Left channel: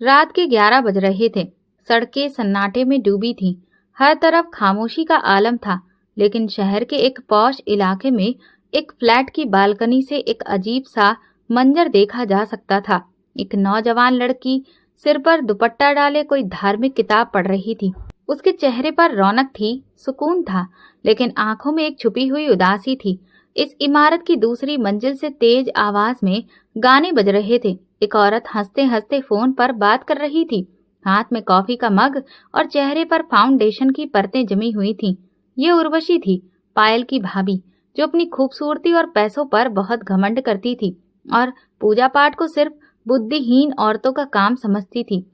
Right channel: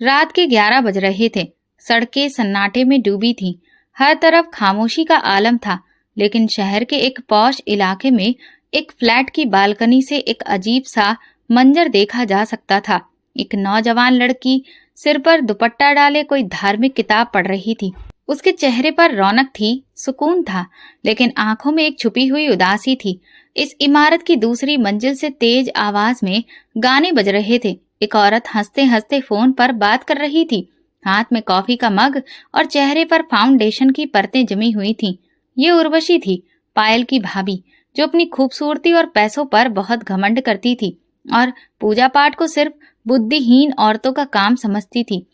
रात के 11 बज रहे थे। सड़कें सन्नाटे में डूबी थीं। हर तरफ खामोशी का आलम था। लेकिन शहर के एक पॉश इलाके में एक फ्लैट की बालकनी से एक अजीब सा मंजर देखा जा सकता था। एक नौजवान लड़की सिर पर दुपट्टा डाले कोई धार्मिक किताब पढ़ रही थी। उसके चेहरे पर रौनक थी, सुकून था, लेकिन आंखों में एक छुपी हुई उदासी थी। इस इमारत की दूसरी मंजिल से तेज आवाज में गाने बज रहे थे। एक औरत हंसते हंसते फोन पर बात कर रही थी। हाथ में कॉफी का मग और चेहरे पर फाउंडेशन की परतें जमी हुई थीं। ये उर्वशी थी, पायल की भाभी, जो अपनी खूबसूरती और पैसों पर बहुत घमंड करती थी और पूजा पाठ को सिर्फ बुद्धिहीन औरतों का काम समझती थी।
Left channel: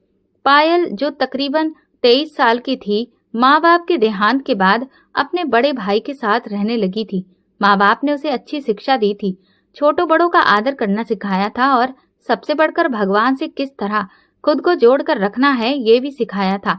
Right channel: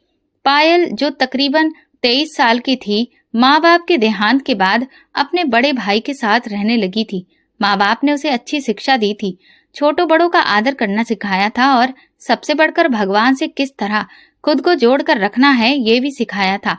पायल, जो तकरीबन 23 साल की थी, माँ बाप के देहांत के बाद अपने बड़े भाई के साथ रहने लगी थी। माँ बाप ने उसे अच्छी शिक्षा दी थी, छोटों बड़ों का आदर करना सिखाया था और सबसे बढ़कर भगवान से किस तरह खुद को जोड़कर रखना है ये भी सिखाया था।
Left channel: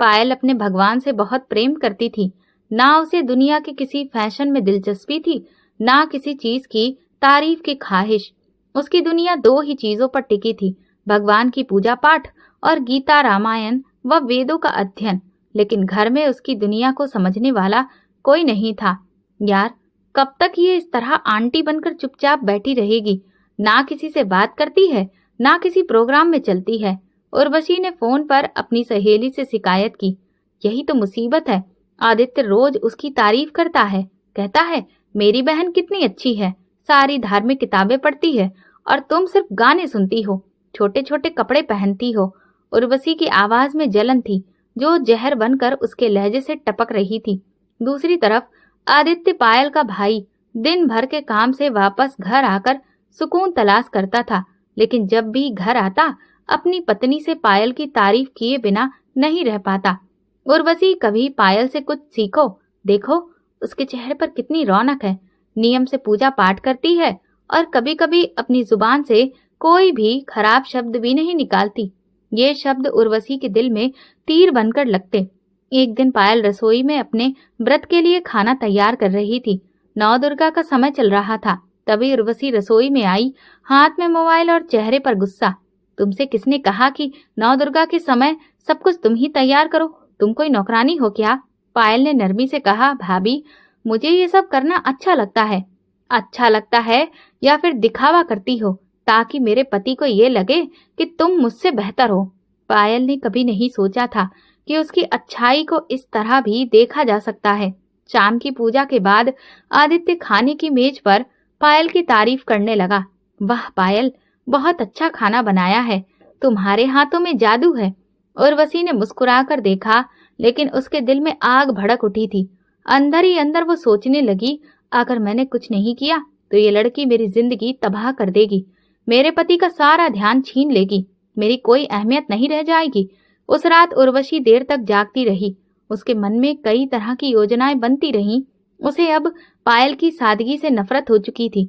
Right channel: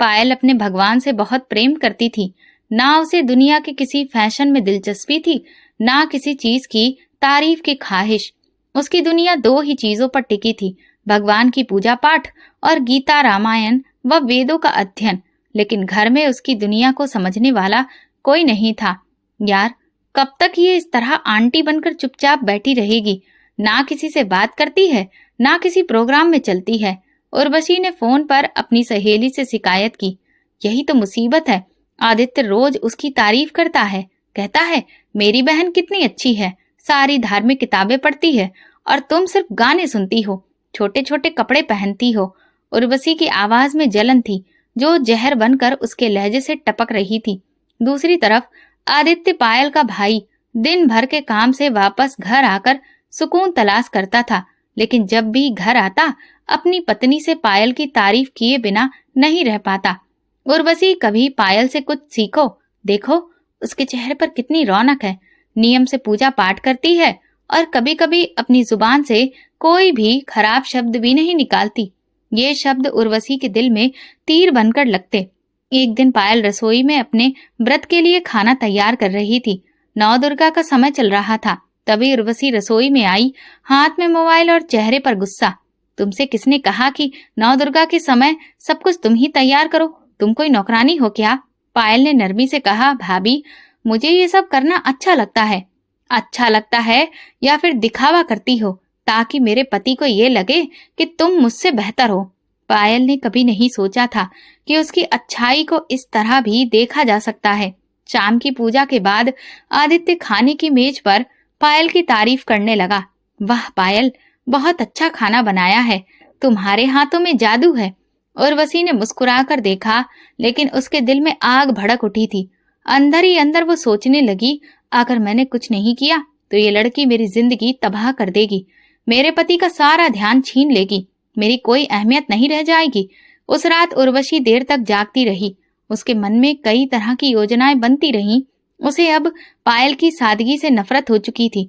पायल अपने भगवान से बहुत प्रेम करती थी। ना उसे दुनिया के किसी फैशन में दिलचस्पी थी, ना किसी चीज की तारीफ की ख्वाहिश। उसकी दुनिया दो ही चीजों पर टिकी थी, भगवान की पूजा पाठ और गीता, रामायण व वेदों का अध्ययन। लेकिन घर में उसकी दुनिया को समझने वाला कोई नहीं था। यार, कब तक ये इस तरह आंटी बनकर चुपचाप बैठी रहेगी? ना किसी से बात करती है, ना किसी प्रोग्राम में चलती है। उर्वशी ने फोन पर अपनी सहेली से शिकायत की। यही तो मुसीबत है। आदित्य रोज उसकी तारीफ करता है, कहता है मेरी बहन कितनी अच्छी है, सारी धार्मिक किताबें पढ़ती है और तुम सिर्फ गाने सुनती हो, छोटे छोटे कपड़े पहनती हो। उर्वशी की आवाज में जलन थी, जो जहर बनकर उसके लहजे से टपक रही थी। दूसरी तरफ आदित्य, पायल का भाई, दिन भर के काम से वापस घर आकर सुकून तलाश करता था, लेकिन जब भी घर आता अपनी पत्नी से पायल की तारीफ किए बिना नहीं रह पाता। उर्वशी, कभी पायल से कुछ सीखो, देखो उसके चेहरे पर कितनी रौनक है, नियम से पूजा पाठ करती है और कभी कभी अपनी जुबान से कोई भी खराब शब्द भी नहीं निकालती। ये शब्द उर्वशी के दिल में तीर बनकर लगते। एक दिन पायल रसोई में अपने व्रत के लिए खाना तैयार कर रही थी। नौ दुर्गा का समय चल रहा था। तभी उर्वशी रसोई में आई, हाथ में मोबाइल और चेहरे पर गुस्सा। तुमसे किसने कहा कि नौ दुर्गा के समय सब कुछ तुम ही तैयार करो? तुम कोई नौकरानी हो क्या? पायल ने नरमी से कहा, भाभी, मुझे ये सब करना अच्छा लगता है। अच्छा लगता है या फिर दिखावा करती हो ताकि मेरे पति को ये लगे कि तुम मुझसे बेहतर हो? पायल ने कभी नहीं सोचा था कि उसकी अच्छाई को इस तरह भी देखा जा सकता है। शाम की पूजा के बाद आदित्य खाने की मेज पर पायल की तारीफ करने लगा। वाह पायल, बहुत अच्छा खाना बनाया है, तुम्हारे हाथों में जादू है। उर्वशी ने मुस्कुराकर देखा, लेकिन उसके दिल में आग भड़क उठी थी। अंदर ही अंदर वो सोचने लगी, अगर मैंने कुछ नहीं किया तो ये लड़की मेरी जिंदगी तबाह कर देगी, मेरे पति का सारा ध्यान छीन लेगी, मेरी कोई अहमियत नहीं रह जाएगी। उस रात उर्वशी देर तक जागती रही। उसके मन में कई तरह की योजनाएं बनती रहीं। उसे अब पायल की सादगी से नफरत हो चुकी थी।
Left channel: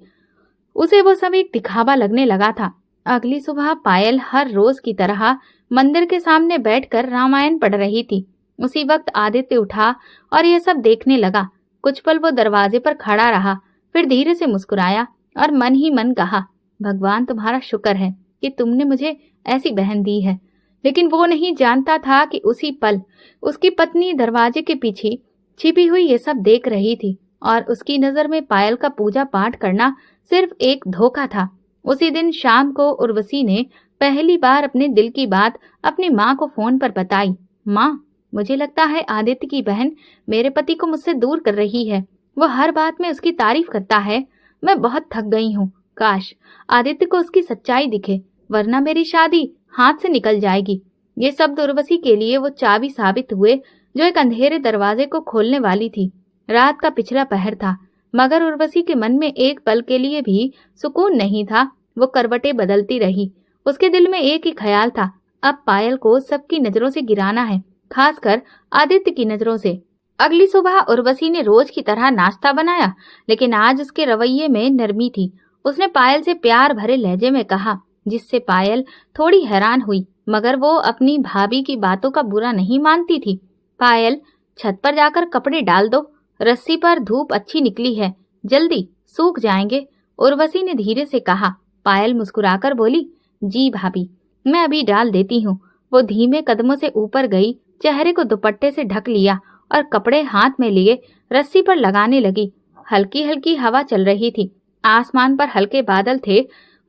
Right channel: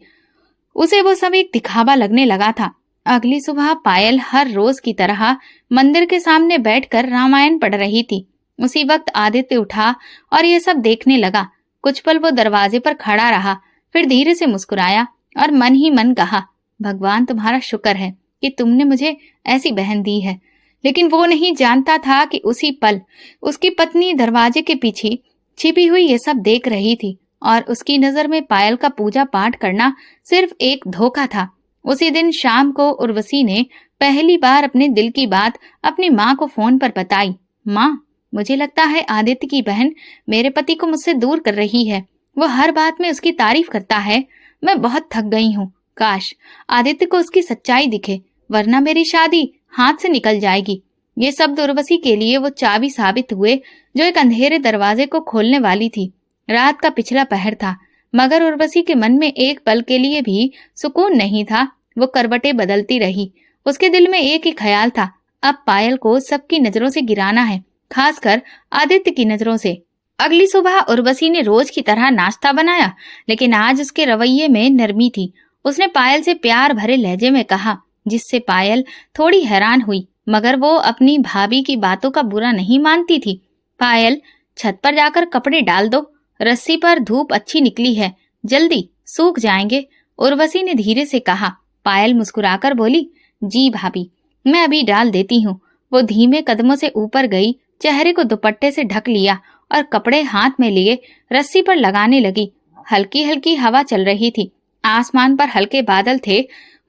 उसे वो सब एक दिखावा लगने लगा था। अगली सुबह पायल हर रोज की तरह मंदिर के सामने बैठकर रामायण पढ़ रही थी। उसी वक्त आदित्य उठा और यह सब देखने लगा। कुछ पल वो दरवाजे पर खड़ा रहा, फिर धीरे से मुस्कुराया और मन ही मन कहा, भगवान तुम्हारा शुक्र है कि तुमने मुझे ऐसी बहन दी है। लेकिन वो नहीं जानता था कि उसी पल उसकी पत्नी दरवाजे के पीछे छिपी हुई ये सब देख रही थी और उसकी नजर में पायल का पूजा पाठ करना सिर्फ एक धोखा था। उसी दिन शाम को उर्वशी ने पहली बार अपने दिल की बात अपनी माँ को फोन पर बताई। माँ, मुझे लगता है आदित्य की बहन मेरे पति को मुझसे दूर कर रही है। वो हर बात में उसकी तारीफ करता है। मैं बहुत थक गई हूँ। काश आदित्य को उसकी सच्चाई दिखे, वरना मेरी शादी हाथ से निकल जाएगी। ये शब्द उर्वशी के लिए वो चाबी साबित हुए जो एक अंधेरे दरवाजे को खोलने वाली थी। रात का पिछला पहर था, मगर उर्वशी के मन में एक पल के लिए भी सुकून नहीं था। वो करवटें बदलती रही। उसके दिल में एक ही ख्याल था, अब पायल को सबकी नजरों से गिराना है, खासकर आदित्य की नजरों से। अगली सुबह उर्वशी ने रोज की तरह नाश्ता बनाया, लेकिन आज उसके रवैये में नरमी थी। उसने पायल से प्यार भरे लहजे में कहा, जिससे पायल थोड़ी हैरान हुई, मगर वो अपनी भाभी की बातों का बुरा नहीं मानती थी। पायल, छत पर जाकर कपड़े डाल दो, रस्सी पर धूप अच्छी निकली है, जल्दी सूख जाएंगे, उर्वशी ने धीरे से कहा। पायल मुस्कुराकर बोली, जी भाभी। मैं अभी डाल देती हूँ। वो धीमे कदमों से ऊपर गई, चेहरे को दुपट्टे से ढक लिया और कपड़े हाथ में लिए रस्सी पर लगाने लगी। हल्की हल्की हवा चल रही थी, आसमान पर हल्के बादल थे।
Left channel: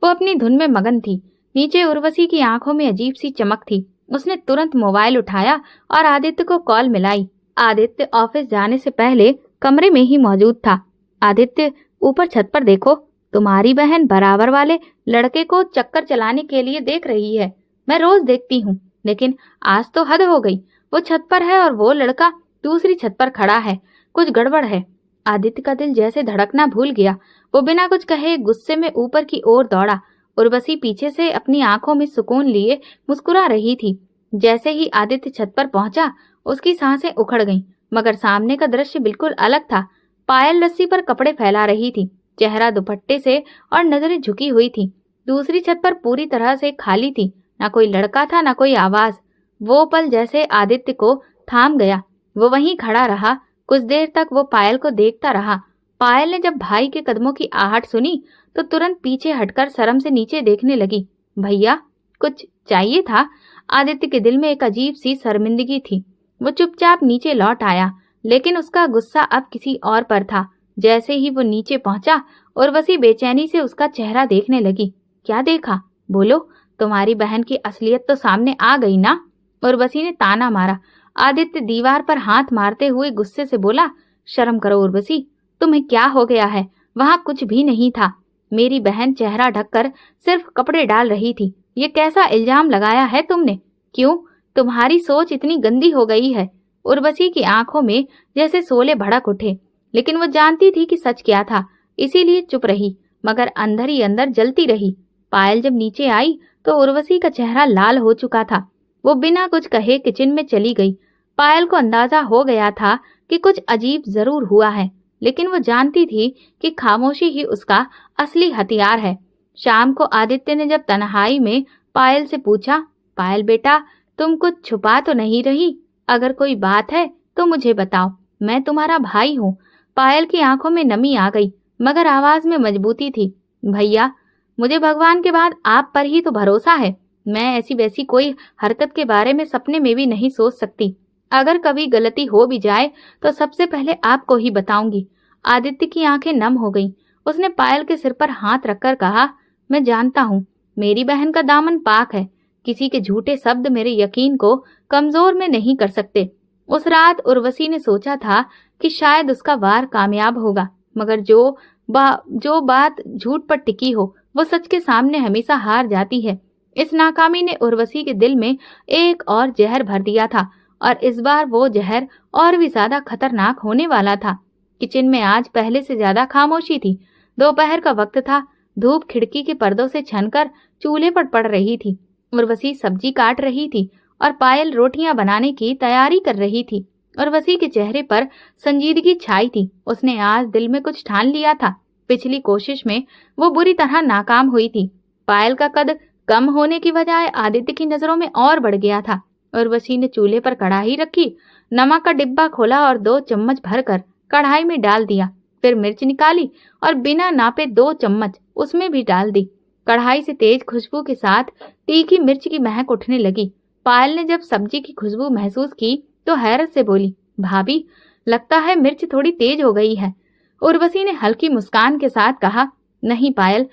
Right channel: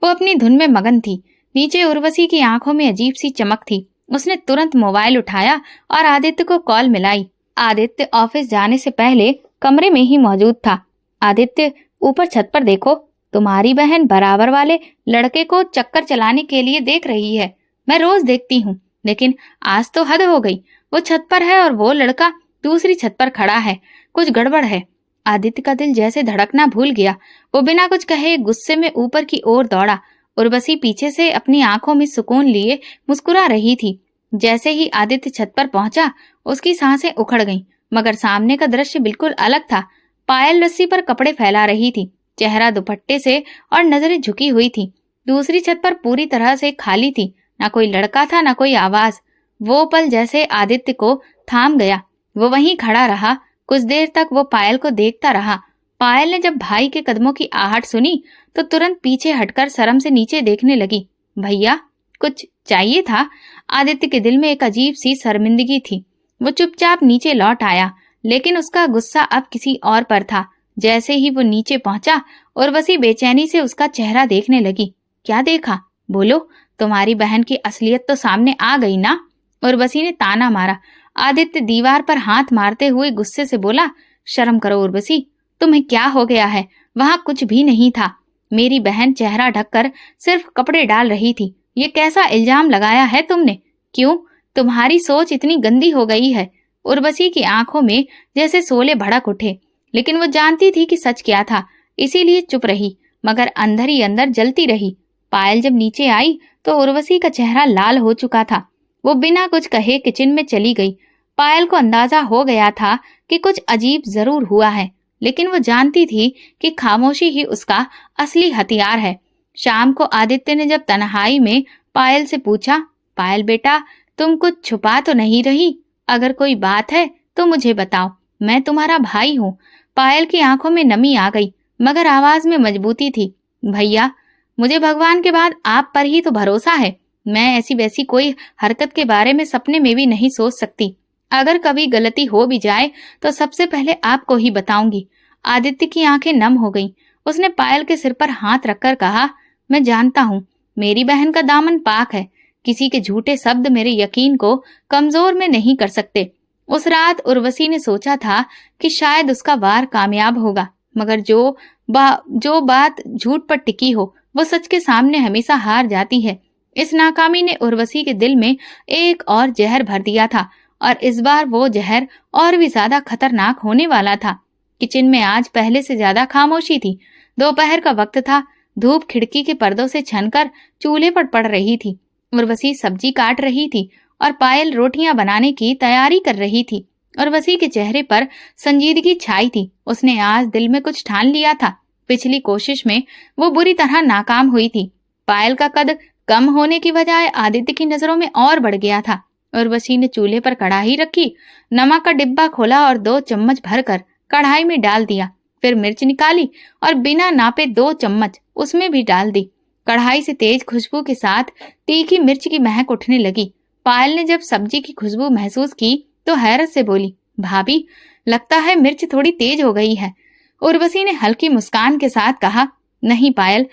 वो अपनी धुन में मगन थी। नीचे उर्वशी की आंखों में अजीब सी चमक थी। उसने तुरंत मोबाइल उठाया और आदित्य को कॉल मिलाई। आदित्य ऑफिस जाने से पहले कमरे में ही मौजूद था। आदित्य, ऊपर छत पर देखो, तुम्हारी बहन बराबर वाले लड़के को चक्कर चलाने के लिए देख रही है। मैं रोज देखती हूँ, लेकिन आज तो हद हो गई। वो छत पर है और वो लड़का दूसरी छत पर खड़ा है। कुछ गड़बड़ है। आदित्य का दिल जैसे धड़कना भूल गया। वो बिना कुछ कहे गुस्से में ऊपर की ओर दौड़ा। उर्वशी पीछे से अपनी आंखों में सुकून लिए मुस्कुरा रही थी। जैसे ही आदित्य छत पर पहुंचा, उसकी सांसें उखड़ गईं, मगर सामने का दृश्य बिल्कुल अलग था। पायल रस्सी पर कपड़े फैला रही थी, चेहरा दुपट्टे से और नजरें झुकी हुई थी। दूसरी छत पर पूरी तरह से खाली थी। ना कोई लड़का था, ना कोई आवाज। वो पल जैसे आदित्य को थाम गया। वो वहीं खड़ा रहा। कुछ देर तक वो पायल को देखता रहा। पायल ने जब भाई के कदमों की आहट सुनी तो तुरंत पीछे हटकर शर्म से नीचे देखने लगी। भैया, कुछ चाहिए था? आदित्य के दिल में एक अजीब सी शर्मिंदगी थी। वो चुपचाप नीचे लौट आया, लेकिन उसका गुस्सा अब किसी और पर था। जैसे ही वो नीचे पहुंचा, उर्वशी बेचैनी से उसका चेहरा देखने लगी। क्या देखा? बोलो, तुम्हारी बहन की असलियत तो सामने आ गई ना? उर्वशी ने ताना मारा। आदित्य दीवार पर हाथ मारते हुए गुस्से से बोला, शर्म करो उर्वशी, तुम्हें क्या हो गया है? वहां कुछ भी नहीं था। मेरी बहन चेहरा ढककर सिर्फ कपड़े डाल रही थी। ये कैसा इल्जाम लगाया है तुमने? क्यों? तुम्हारी सोच इतनी गंदी हो गई है। उर्वशी की आंखों में जैसे शोले भड़क उठे, लेकिन वो जानती थी कि सच क्या था, इसीलिए चुप रही, मगर अंदर ही अंदर जलती रही। पायल जब नीचे आई तो उर्वशी का चेहरा लाल हो चुका था। वो बिना कुछ कहे किचन में चली गई। पायल को अंदाजा हो गया था कि कुछ अजीब जरूर हुआ है, लेकिन वो जानती थी कि खामोशी ही उसका असली हथियार है। शाम को आदित्य ने जब तन्हाई में पायल से पूछा, पायल बेटा, तुम कुछ छुपा तो नहीं रही? अगर कोई बात है तो मुझे बताओ, मैं तुम्हारा भाई हूँ। पायल की आंखों में नमी आ गई, मगर आवाज में मजबूती थी। भैया, मुझे भगवान के बाद आप पर ही तो भरोसा है। मैं ऐसी वैसी कोई हरकत के बारे में सपने में भी नहीं सोच सकती। अगर कभी गलती हो भी जाए तो सबसे पहले आपको ही बताऊंगी। आदित्य की आंखें नम हो गईं। उसने पायल के सिर पर हाथ रखकर कहा, मैं जानता हूँ मेरी बहन का दामन पाक है। किसी के झूठे शब्द मेरे यकीन को कमजोर में नहीं कर सकते। उस रात उर्वशी ने सोचा था कि शायद उसका वार कामयाब होगा, मगर जो बात झूठ पर टिकी हो वो सच के सामने हमेशा हार जाती है। इस नाकामी ने उर्वशी के दिल में एक और जहर भर दिया था, और इस बार वो जहर और भी ज्यादा खतरनाक होने वाला था। किचन में आज पहले से ज्यादा खामोशी थी। दोपहर का वक्त था। धूप खिड़की के पर्दों से छनकर चूल्हे पर पड़ रही थी। उर्वशी सब्जी काट रही थी और पायल रोटियां बनाने की तैयारी कर रही थी। उर्वशी के चेहरे पर संजीदगी छाई थी। उसने आज दिल में कुछ ठान लिया था। पिछली कोशिश में वो बुरी तरह नाकाम हुई थी। पायल का कद कम होने की बजाय आदित्य की नजरों में और बढ़ गया था। उर्वशी ने चूल्हे पर कढ़ाई रखी, नमक का डिब्बा खोला और 2 चम्मच भरकर कढ़ाई में डाल दिया। फिर मिर्च निकाली और बिना नापे 2 चम्मच उसमें भी डाल दी। कढ़ाई से तेज खुशबू के साथ तीखी मिर्च की महक उठने लगी। पायल ने जब सब्जी की खुशबू महसूस की तो हैरत से बोली, भाभी, लगता है मिर्च थोड़ी तेज हो गई है। उर्वशी ने हल्की मुस्कान के साथ कहा, नहीं पायल,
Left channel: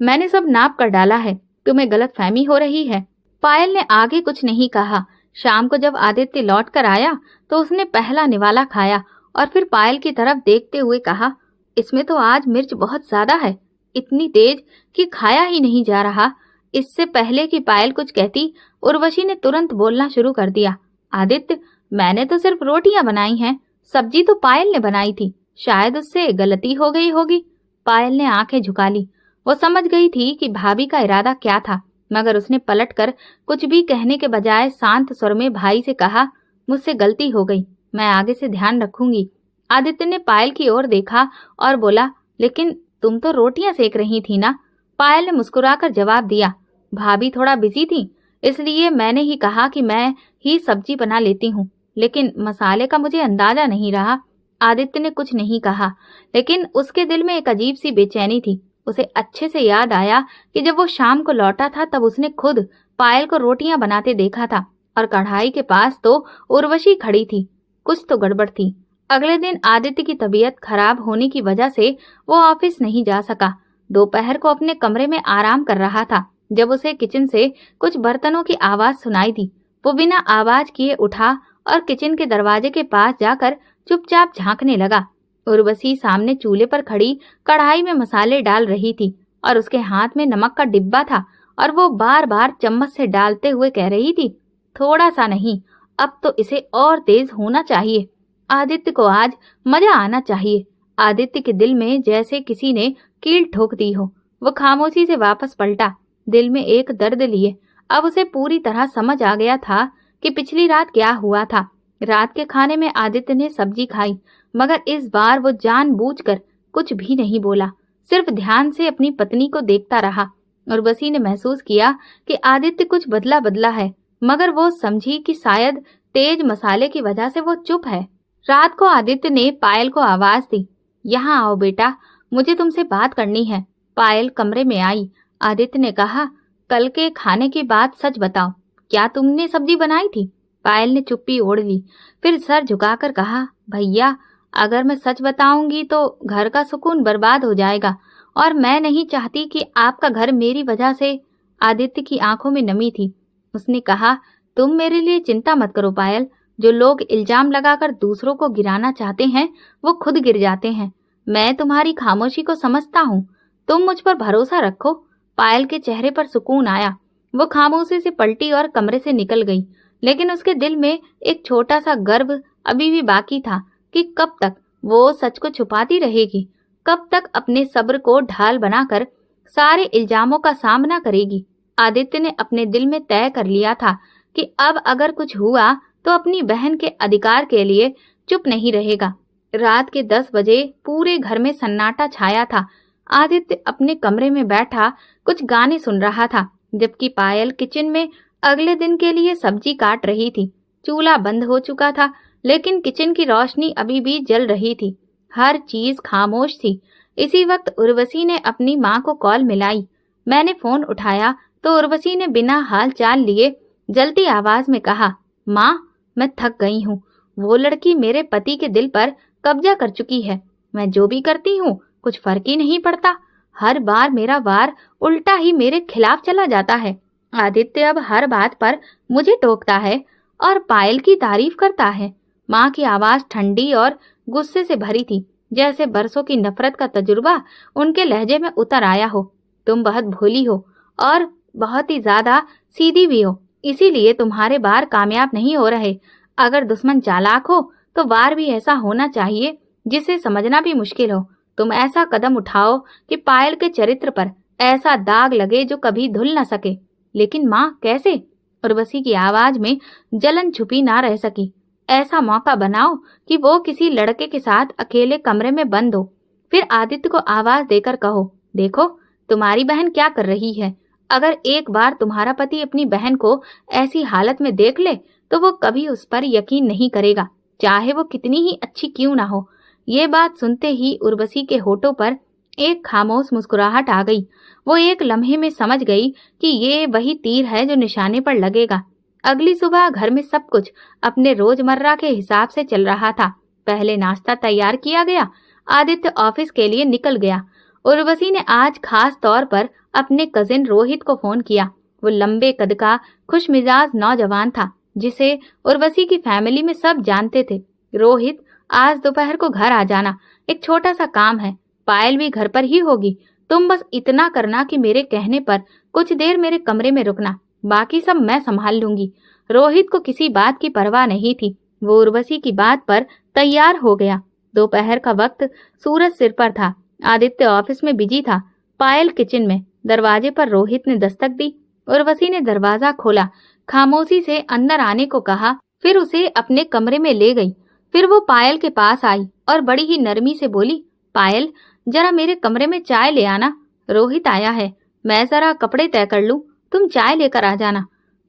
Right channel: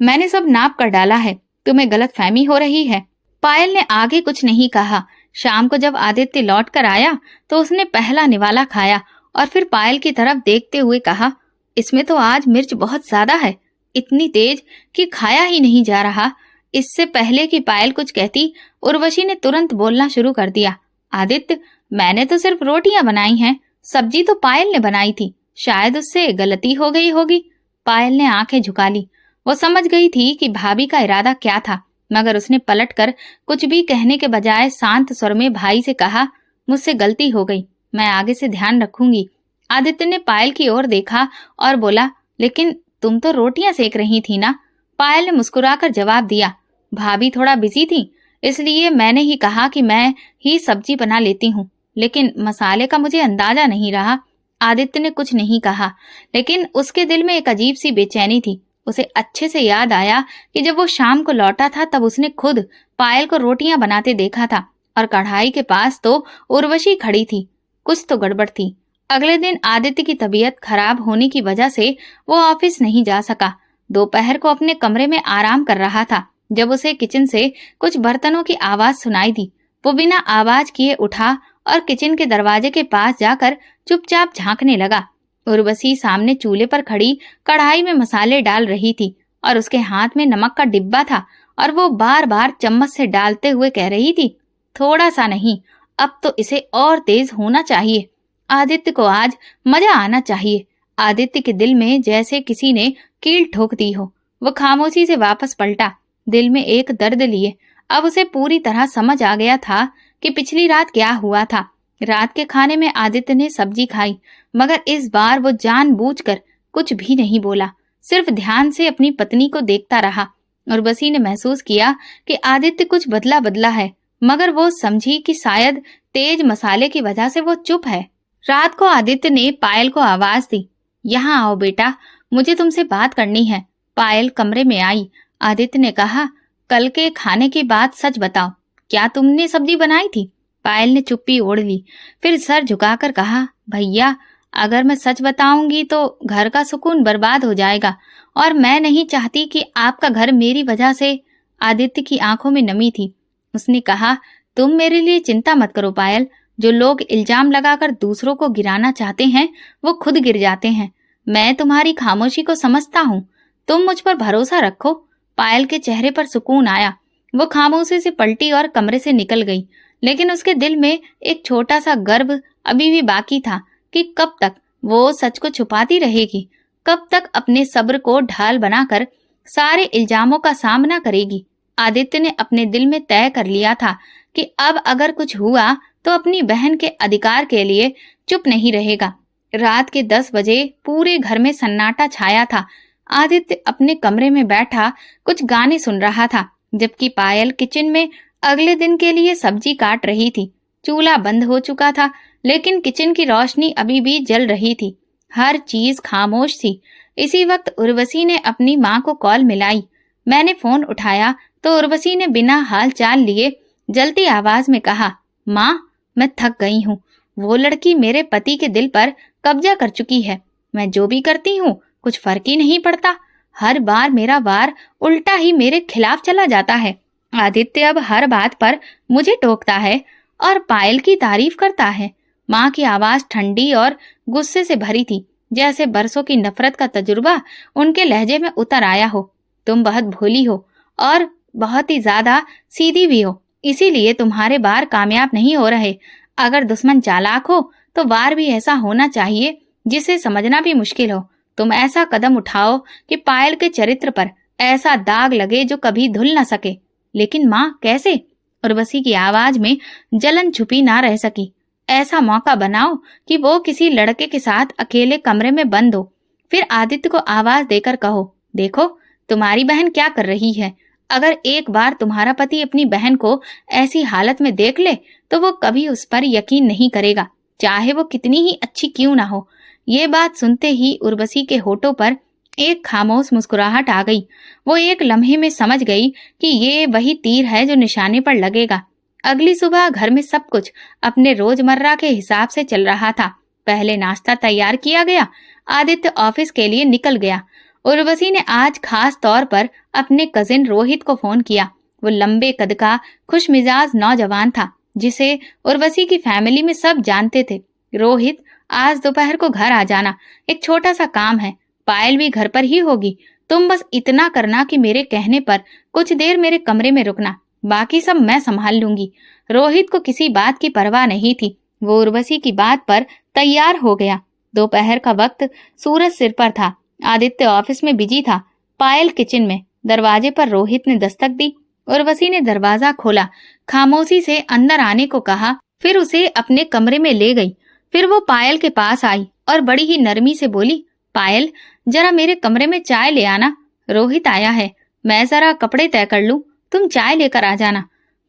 मैंने सब नाप कर डाला है, तुम्हें गलतफहमी हो रही है। पायल ने आगे कुछ नहीं कहा। शाम को जब आदित्य लौट कर आया तो उसने पहला निवाला खाया और फिर पायल की तरफ देखते हुए कहा, इसमें तो आज मिर्च बहुत ज्यादा है, इतनी तेज कि खाया ही नहीं जा रहा। इससे पहले कि पायल कुछ कहती, उर्वशी ने तुरंत बोलना शुरू कर दिया, आदित्य, मैंने तो सिर्फ रोटियां बनाई हैं, सब्जी तो पायल ने बनाई थी, शायद उससे गलती हो गई होगी। पायल ने आंखें झुका ली। वो समझ गई थी कि भाभी का इरादा क्या था, मगर उसने पलटकर कुछ भी कहने के बजाय शांत स्वर में भाई से कहा, मुझसे गलती हो गई, मैं आगे से ध्यान रखूंगी। आदित्य ने पायल की ओर देखा और बोला, लेकिन तुम तो रोटियां सेक रही थी ना? पायल ने मुस्कुराकर जवाब दिया, भाभी थोड़ा बिजी थी, इसलिए मैंने ही कहा कि मैं ही सब्जी बना लेती हूँ, लेकिन मसाले का मुझे अंदाजा नहीं रहा। आदित्य ने कुछ नहीं कहा, लेकिन उसके दिल में एक अजीब सी बेचैनी थी। उसे अच्छे से याद आया कि जब वो शाम को लौटा था तब उसने खुद पायल को रोटियां बनाते देखा था और कढ़ाई के पास तो उर्वशी खड़ी थी। कुछ तो गड़बड़ थी। अगले दिन आदित्य की तबीयत खराब होने की वजह से वो ऑफिस नहीं जा सका। दोपहर को अपने कमरे में आराम कर रहा था जब उसे किचन से कुछ बर्तनों की आवाज सुनाई दी। वो बिना आवाज किए उठा और किचन के दरवाजे के पास जाकर चुपचाप झांकने लगा। उर्वशी सामने चूल्हे पर खड़ी कढ़ाई में मसाले डाल रही थी और उसके हाथ में नमक का डिब्बा था और वो बार बार चम्मच से डालते हुए कह रही थी, थोड़ा सा नहीं, अब तो इसे और तेज होना चाहिए। आदित्य को आज मजा आना चाहिए। आदित्य के दिल में जैसे किसी ने कील ठोक दी हो। वो खामोशी से वापस पलटा, दिल में एक दर्द लिए। अब उसे पूरी तरह समझ आ गया था कि पिछली रात क्या हुआ था। रात के खाने में आदित्य ने सब्जी खाई, मगर इस बार वो जानबूझकर कुछ भी नहीं बोला, सिर्फ ध्यान से अपनी पत्नी को देखता रहा। उर्वशी ने महसूस किया कि आदित्य कुछ बदला बदला है, मगर वो समझी कि शायद तेज मसाले की वजह से वो चुप है। रात को आदित्य ने पायल को आवाज दी, यहाँ आओ बेटा, मुझे तुमसे बात करनी है। पायल कमरे में आई। आदित्य ने कहा, कल के खाने की बात सच बताओ, क्या तुमने सब्जी बनाई थी? पायल ने चुप्पी ओढ़ ली, फिर सर झुकाकर कहा, भैया अगर मैं सच बताऊंगी तो घर का सुकून बर्बाद हो जाएगा और मैं नहीं चाहती कि आपका घर मेरी वजह से। आदित्य की आंखों में नमी थी। उसने कहा, तुम मेरे लिए चिंता मत करो पायल, जो लोग इल्जाम लगाकर दूसरों को गिराना चाहते हैं वो खुद गिर जाते हैं। मैं तुम्हारी खामोशी को समझता हूँ, तुम मुझ पर भरोसा रखो। पायल के चेहरे पर सुकून आया। वो खामोशी से पलटी और कमरे से निकल गई, लेकिन उसके दिल में एक छोटा सा गर्व अभी भी बाकी था कि कब तक वो सच को छुपाती रहेगी, कब तक अपने सब्र को ढाल बनाकर सारे इल्जामों का सामना करेगी। आदित्य ने अपने दिल में तय कर लिया था कि अब अगर कुछ हुआ तो अपनी बहन के अधिकार के लिए चुप नहीं रहेगा। रात के 10 बजे पूरे घर में सन्नाटा छाया था। आदित्य अपने कमरे में बैठा कुछ गाने सुन रहा था, जबकि पायल किचन में अगले दिन के लिए सब्जी काट रही थी। चूल्हा बंद हो चुका था, लेकिन किचन की रोशनी अभी भी जल रही थी। हर चीज खामोश थी। इसी वक्त उर्वशी ने अपनी माँ को कॉल मिलाई। मैंने फोन उठाया तो उर्वशी ने बिना हाल चाल लिए जलती आवाज में कहा, माँ मैं थक गई हूँ। वो लड़की मेरे पति के दिल पर कब्जा कर चुकी है। मैं जो भी करती हूँ कुछ फर्क ही नहीं पड़ता। हर बार मेरा वार उल्टा ही मेरे खिलाफ चला जाता है। आदित्य अब हर बात पर मुझे टोकता है और पायल की तारीफ करता है। माँ की आवाज ठंडी और गुस्से से भरी थी, जैसे बरसों की नफरत का तजुर्बा उनके लहजे में उतर आया हो। तुम बहुत भोली हो और बहुत ही ज्यादा सीधी भी हो, इसीलिए तुम्हारे वार कामयाब नहीं हो रहे। अगर दुश्मन चालाक हो तो वार भी ऐसा होना चाहिए जिसे समझना भी मुश्किल हो। तुम ऐसा कदम उठाओ कि पायल के चरित्र पर ऐसा दाग लगे जो कभी धुल न सके। लेकिन माँ कैसे? उर्वशी की आवाज में जलन छुपी ना रह सकी। ऐसा मौका बनाओ कि वो किसी लड़के के साथ अकेले कमरे में बंद हो, फिर आदित्य को आवाज देकर कहो, देखो तुम्हारी बहन क्या कर रही है। अगर एक बार तुम्हारा पति अपनी बहन को ऐसी हालत में देख ले तो वो कभी उस पर यकीन नहीं करेगा, चाहे वो कितनी ही अच्छी क्यों ना हो। ये बात सुनते ही उर्वशी के होठों पर एक खामोश मुस्कुराहट आ गई। वो एक लम्हे में समझ गई कि ये वही तीर है जो निशाने पर लगेगा। अगली सुबह घर में सब कुछ अपने रोजमर्रा के हिसाब से चल रहा था। पहले नाश्ता तैयार किया गया। आदित्य ऑफिस के लिए निकल गया। उर्वशी ने आज खास तौर पर अपने कजिन रोहित को फोन किया। वो लंबे कद का खुश मिजाज नौजवान था, जिसे उर्वशी की फैमिली में सब जानते थे। रोहित, आज दोपहर को घर आ जाना, एक छोटा सा काम है। पायल भी घर पर ही होगी। तुम बस इतना करना कि मेरे कहने पर कुछ देर मेरे कमरे में रुकना, बाकी सब मैं संभाल लूंगी। रोहित को किसी बात की परवाह नहीं थी। वो उर्वशी की बात पर तैयार हो गया। दोपहर का वक्त, सूरज सिर पर था। आदित्य ऑफिस में बिजी था, पायल किचन में। दरवाजे पर रोहित ने दस्तक दी। उर्वशी ने दरवाजा खोला, खामोशी से अंदर आने को कहा, फिर उसे अपने कमरे में ले गई। फिर वो पायल के पास आई और बड़ी ही नरमी से बोली, पायल जरा मेरे कमरे में चाय ले आना। रोहित आया है, मैं जरा कपड़े तय कर लूं, तुम चाय लेकर आ जाना।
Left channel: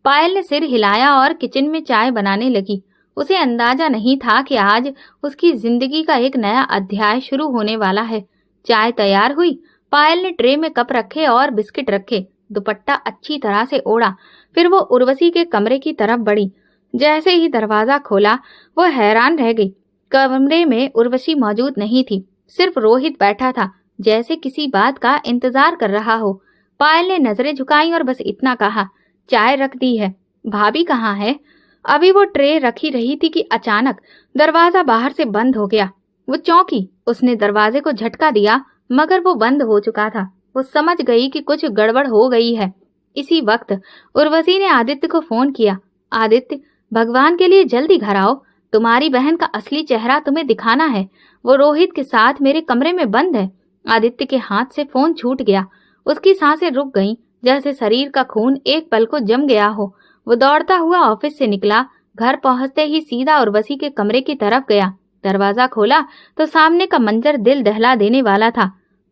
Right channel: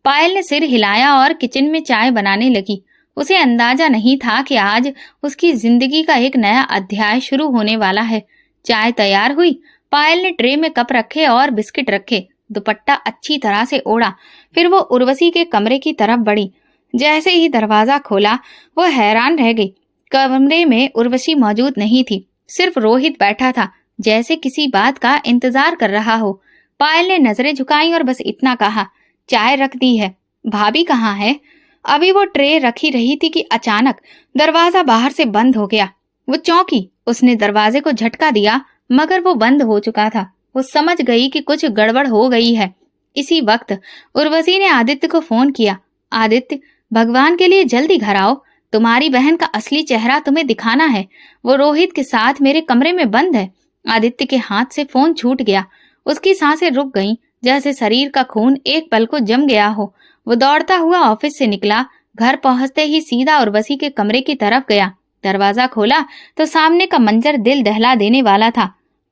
पायल ने सिर हिलाया और किचन में चाय बनाने लगी। उसे अंदाजा नहीं था कि आज उसकी जिंदगी का एक नया अध्याय शुरू होने वाला है। चाय तैयार हुई। पायल ने ट्रे में कप रखे और बिस्किट रखे। दुपट्टा अच्छी तरह से ओढ़ा। फिर वो उर्वशी के कमरे की तरफ बढ़ी। जैसे ही दरवाजा खोला वो हैरान रह गई। कमरे में उर्वशी मौजूद नहीं थी, सिर्फ रोहित बैठा था, जैसे किसी बात का इंतजार कर रहा हो। पायल ने नजरें झुकाई और बस इतना कहा, चाय रख दी है। भाभी कहाँ है? अभी वो ट्रे रखी रही थी कि अचानक दरवाजा बाहर से बंद हो गया। वो चौंकी। उसने दरवाजे को झटका दिया, मगर वो बंद हो चुका था। वो समझ गई कि कुछ गड़बड़ हो गई है। इसी वक्त उर्वशी ने आदित्य को फोन किया। आदित्य, भगवान के लिए जल्दी घर आओ, तुम्हारी बहन का असली चेहरा तुम्हें दिखाना है। वो रोहित के साथ मेरे कमरे में बंद है। आदित्य के हाथ से फोन छूट गया। उसकी सांसें रुक गईं, जैसे शरीर का खून एक पल को जम गया हो। वो दौड़ता हुआ ऑफिस से निकला। घर पहुंचते ही सीधा उर्वशी के कमरे की तरफ गया। दरवाजा खोला तो सामने का मंजर दिल दहला देने वाला था।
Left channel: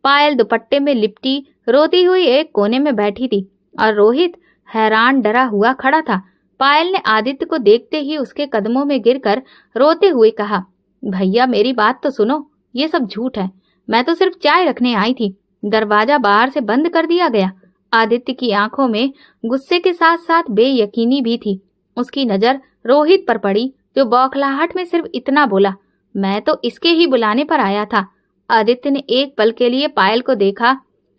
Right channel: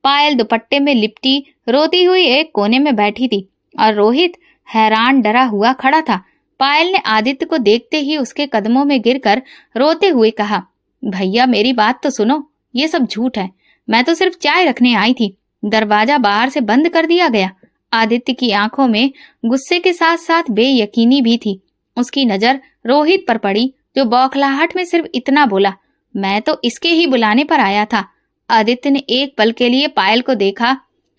पायल दुपट्टे में लिपटी रोती हुई एक कोने में बैठी थी और रोहित हैरान डरा हुआ खड़ा था। पायल ने आदित्य को देखते ही उसके कदमों में गिरकर रोते हुए कहा, भैया मेरी बात तो सुनो, ये सब झूठ है। मैं तो सिर्फ चाय रखने आई थी, दरवाजा बाहर से बंद कर दिया गया। आदित्य की आंखों में गुस्से के साथ साथ बेयकीनी भी थी। उसकी नजर रोहित पर पड़ी, जो बौखलाहट में सिर्फ इतना बोला, मैं तो इसके ही बुलाने पर आया था। आदित्य ने एक पल के लिए पायल को देखा,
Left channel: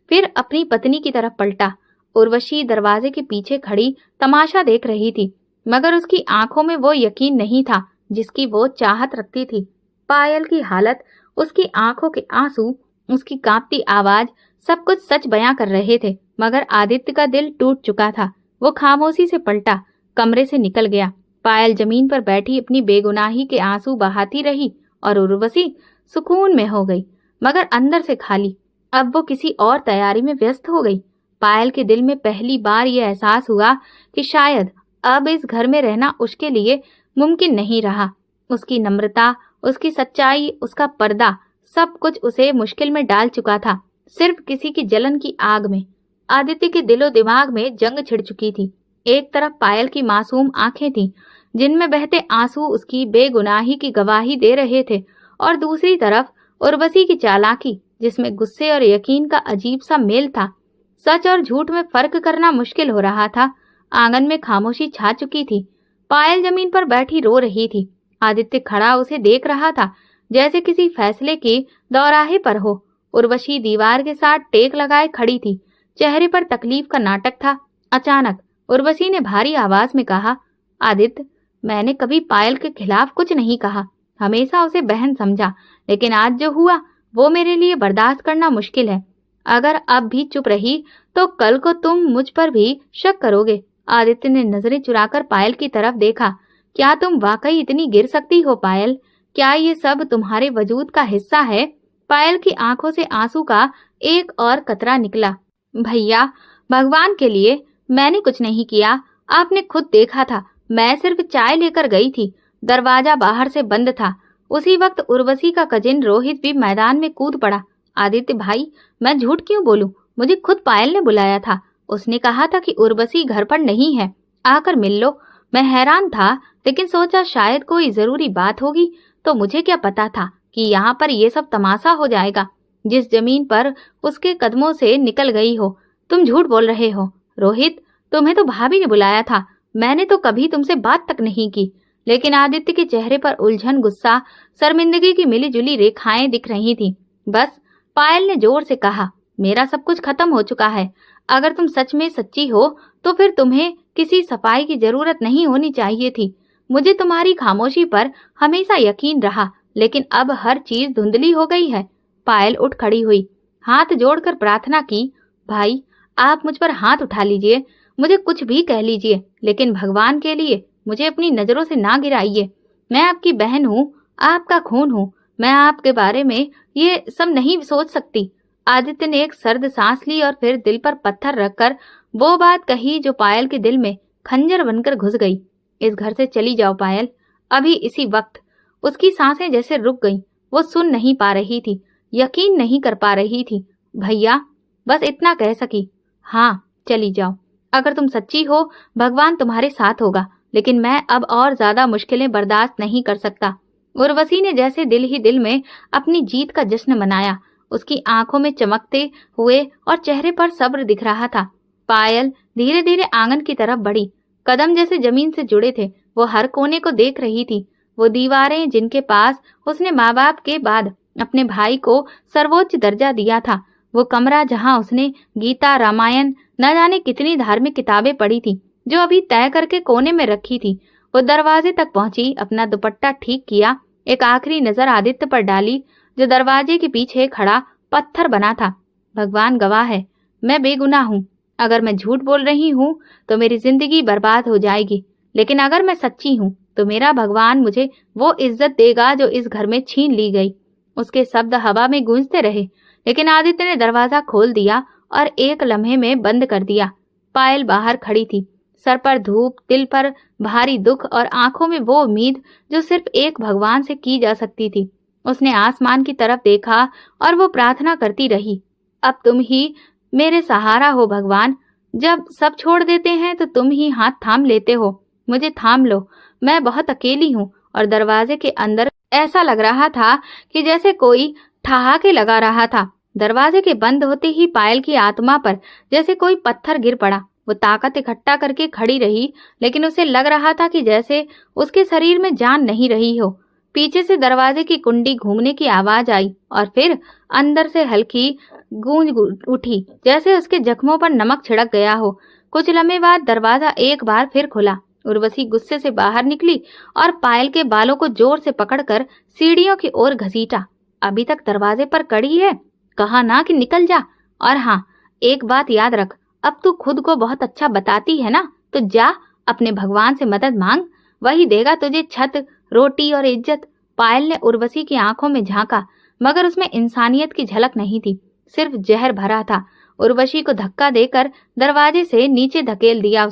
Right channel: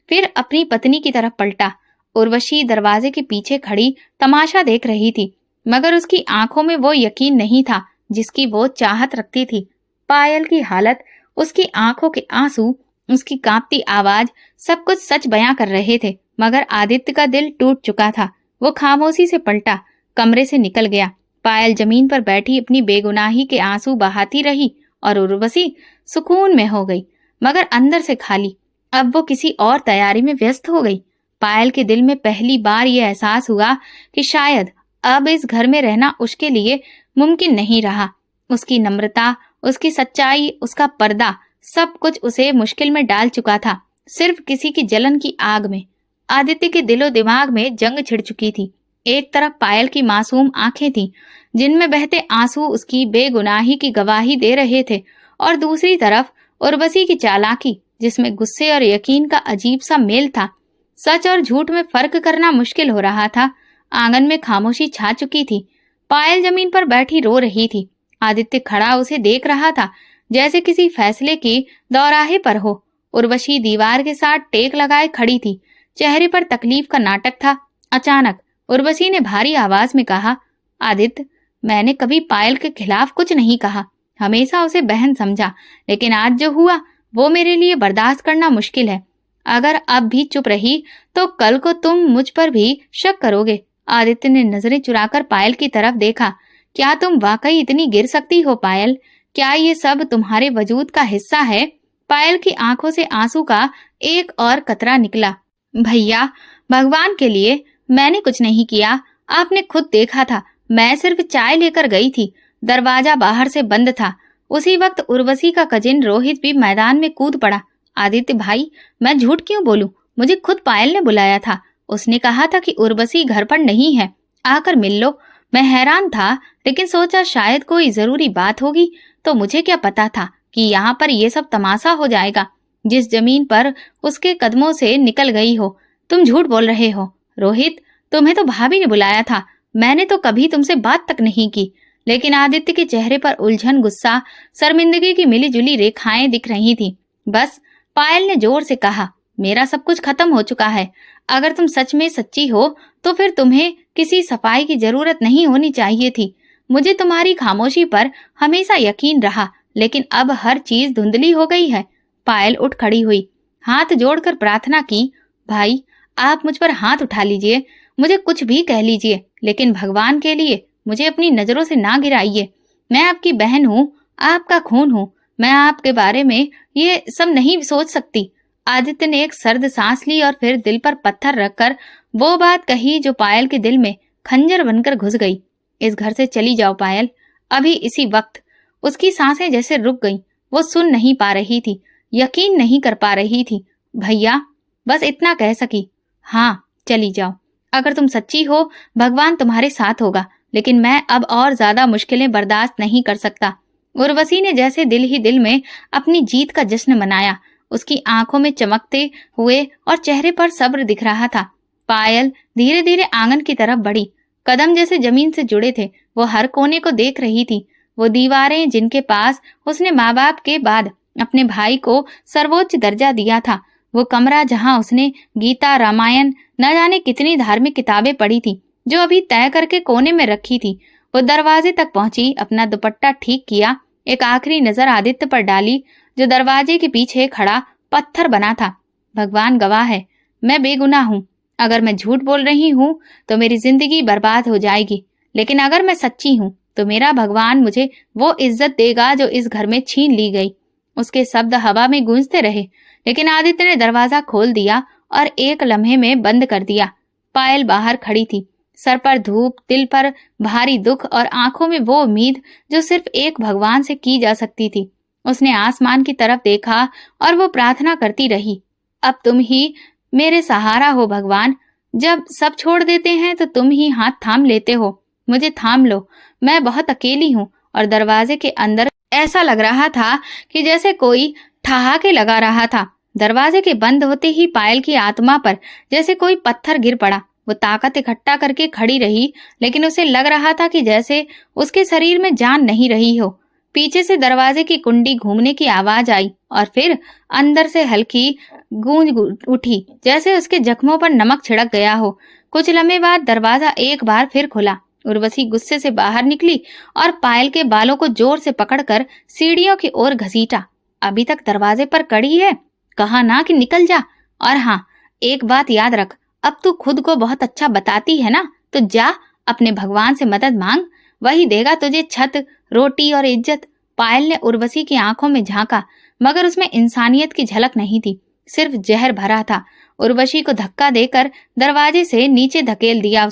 फिर अपनी पत्नी की तरफ पलटा। उर्वशी दरवाजे के पीछे खड़ी तमाशा देख रही थी, मगर उसकी आंखों में वो यकीन नहीं था जिसकी वो चाहत रखती थी। पायल की हालत, उसकी आंखों के आंसू, उसकी कांपती आवाज, सब कुछ सच बयां कर रहे थे। मगर आदित्य का दिल टूट चुका था। वो खामोशी से पलटा, कमरे से निकल गया। पायल जमीन पर बैठी अपनी बेगुनाही के आंसू बहाती रही और उर्वशी सुकून में हो गई, मगर अंदर से खाली। अब वो किसी और तैयारी में व्यस्त हो गई। पायल के दिल में पहली बार ये एहसास हुआ कि शायद अब इस घर में रहना उसके लिए मुमकिन नहीं रहा। उसकी नम्रता, उसकी सच्चाई, उसका पर्दा, सब कुछ उसे मुश्किल में डाल चुका था, सिर्फ किसी की जलन की आग में। आदित्य के दिलो दिमाग में जंग छिड़ चुकी थी। एक तरफ पायल की मासूम आंखें थीं, जिनमें बहते आंसू उसकी बेगुनाही की गवाही दे रहे थे, और दूसरी तरफ उर्वशी की चालाकी, जिसमें गुस्से और यकीन का अजीब सा मेल था। सच और झूठ में फर्क करना मुश्किल हो रहा था। आंगन में खामोशी छा चुकी थी। पायल जमीन पर बैठी रो रही थी। आदित्य खड़ा उसे देख रहा था, जैसे किसी फैसले की दौराहे पर हो। उर्वशी दीवार के साथ टेक लगाए खड़ी थी, चेहरे पर तकलीफ का नाटक था। अचानक उर्वशी ने भारी आवाज में कहा, आदित्य, मैंने कभी पायल के खिलाफ कुछ नहीं कहा, हमेशा उसे बहन समझा, लेकिन आज जो हुआ वो मेरे लिए बर्दाश्त करना मुश्किल है। अगर अब भी चुप रही तो कल को तुम मुझ पर भी शक करोगे। आदित्य ने नजरें चुराकर पायल की तरफ देखा। क्या तुम वाकई इतनी गिर सकती हो पायल? क्या ये सब तुम्हारे वजूद का हिस्सा है? पायल की आंखों से आंसू का एक और कतरा निकला। भैया, भगवान के लिए मैंने कुछ नहीं किया, आपने खुद देखा था। मैं सिर्फ चाय लेकर गई थी, दरवाजा बाहर से बंद था। उसी वक्त उर्वशी का कजिन रोहित भी मैदान में कूद पड़ा। आदित्य भाई, मैं झूठ क्यों बोलूं? मुझे खुद पायल ने बुलाया था। उसने कहा था कि उर्वशी घर पर नहीं है, आकर मिल लो। मैं हैरान था, लेकिन सोचा शायद कोई जरूरी बात होगी। तो मुझे क्या पता था कि यहाँ पर ये सब तमाशा हो जाएगा, जिस जमीन पर उसके कदमों से निकल गई हो। तुम झूठ बोल रहे हो रोहित, तुम्हें तो भाभी ने बुलाया था, मैंने तो कभी तुमसे बात तक नहीं की। लेकिन आदित्य के चेहरे पर उलझन, गुस्सा, शर्मिंदगी की मिलीजुली रेखाएं दिख रही थी। बस, पायल ने जोर से कहा, मेरा सब कुछ खत्म हो चुका है। अगर तुम सच में सच्ची हो तो फिर तुम्हें किसी सफाई की जरूरत नहीं होनी चाहिए थी। मुझे तुम्हारी खामोशी पर हमेशा यकीन रहा, लेकिन अब हर चीज धुंधली हो गई है। पायल उठ खड़ी हुई, हाथ जोड़कर प्रार्थना की, भाई आप मुझ पर हाथ उठा लीजिए, मुझे कुछ भी कह लीजिए, लेकिन भगवान के लिए मुझे अपनी नजरों से ना गिराइए। मैं आपकी बहन हूँ, आपका खून हूँ। मैं आपके बारे में ये सब नहीं सोच सकती। आदित्य ने एक सर्द सांस ली और फिर दिल पर पत्थर रखकर वो बात कही जो पायल के दिल में खंजर बनकर घुस गई। इस घर से चली जाओ पायल, अभी इसी वक्त। उसकी सांसें जैसे रुक गईं। वो सुन नहीं पा रही थी, यकीन नहीं कर पा रही थी। भैया, बस इतना कह सकी, हाँ चली जाओ। अगर तुम सच्ची हो, भगवान तुम्हारे साथ होगा, लेकिन मैं अब और ज्यादा मुश्किलें बर्दाश्त नहीं कर सकता। उर्वशी ने जैसे दिल ही दिल में अपनी जीत का जश्न मनाया। उसकी आंखों में चमकते हुए और चेहरे पर सब्र दिख रहा था। पायल धीरे धीरे आंगन की तरफ बढ़ी। कदम जैसे जमीन से जुड़े थे। वो हर कोने को देख रही थी। वो दीवारें जिनके पास उसने माँ बाप के बाद अपने भाई को सर्वोच्च दर्जा दिया था। वो कमरा जहाँ उसने गीता, रामायण, न जाने कितनी धार्मिक किताबें पढ़ी थी, जो अभी तय करके कोने में रखी थी। वो दरवाजे तक पहुंची, अपना दुपट्टा ठीक किया, एक आखिरी नजर आदित्य पर डाली, जो दरवाजे के पीछे खड़ा पत्थर बना था। भगवान गवाह है, मैं बेगुनाह हूँ। अगर मैं झूठ बोल रही हूँ तो मेरी जिंदगी बर्बाद हो जाएगी, लेकिन अगर मैं सच्ची हूँ तो मेरा भगवान मुझे वो इज्जत देगा जो इस घर में छीन ली गई। उसके शब्द हवा में गूंजते रहे, लेकिन आदित्य ने दरवाजा खोल दिया और एक लम्हे में बंद कर दिया। पायल बाहर खड़ी थी, सर पर धूप, दिल पर भारी दुख और आंखों में वो उम्मीद जो सिर्फ एक भगवान से की जा सकती थी। उसने आसमान की तरफ देखा और वो प्रार्थना करती रही, अब तुम ही मेरे सहारा हो भगवान। जब सब छोड़ देते हैं तो तुम ही हाथ थाम लेते हो। मुझे थाम लो, मैं बहुत अकेली हूँ। और दरवाजे के अंदर ऐसा लग रहा था कि जैसे कोई ठहाके लगा रहा था। दरवाजे के बंद होते ही पायल की आत्मा पर जैसे कोई पत्थर गिर पड़ा। वो ताकत इकट्ठा करके खड़ी रही, लेकिन उसे लग रहा था कि जैसे उसके शरीर में जान नहीं रही हो। पीछे से दरवाजे की कुंडी घूमने की आवाज आई और फिर अंदर से हल्की गूंज उठी, जैसे उसके जख्मों पर नमक छिड़क गया हो। कुछ लम्हे बाद दरवाजा एक बार फिर खुला। उर्वशी गुस्से से बाहर निकली और पायल के बालों को जोर से पकड़कर सीढ़ियों की ओर घसीटा। अभी तक दरवाजे पर कड़ी है, कहा ना कि निकल जा। और हाँ, एक बात याद रख, अब तू खुद को बहुत अच्छा बताती है ना, तो जा अपने भगवान से मदद मांग, वही देगा तुझे छत, रोटी और इज्जत। पायल ने उर्वशी की आंखों में झांका, मगर उसमें इंसानियत की झलक नहीं थी, सिर्फ जहर भरा था। उर्वशी को धक्का देकर दरवाजे से नीचे धकेल दिया।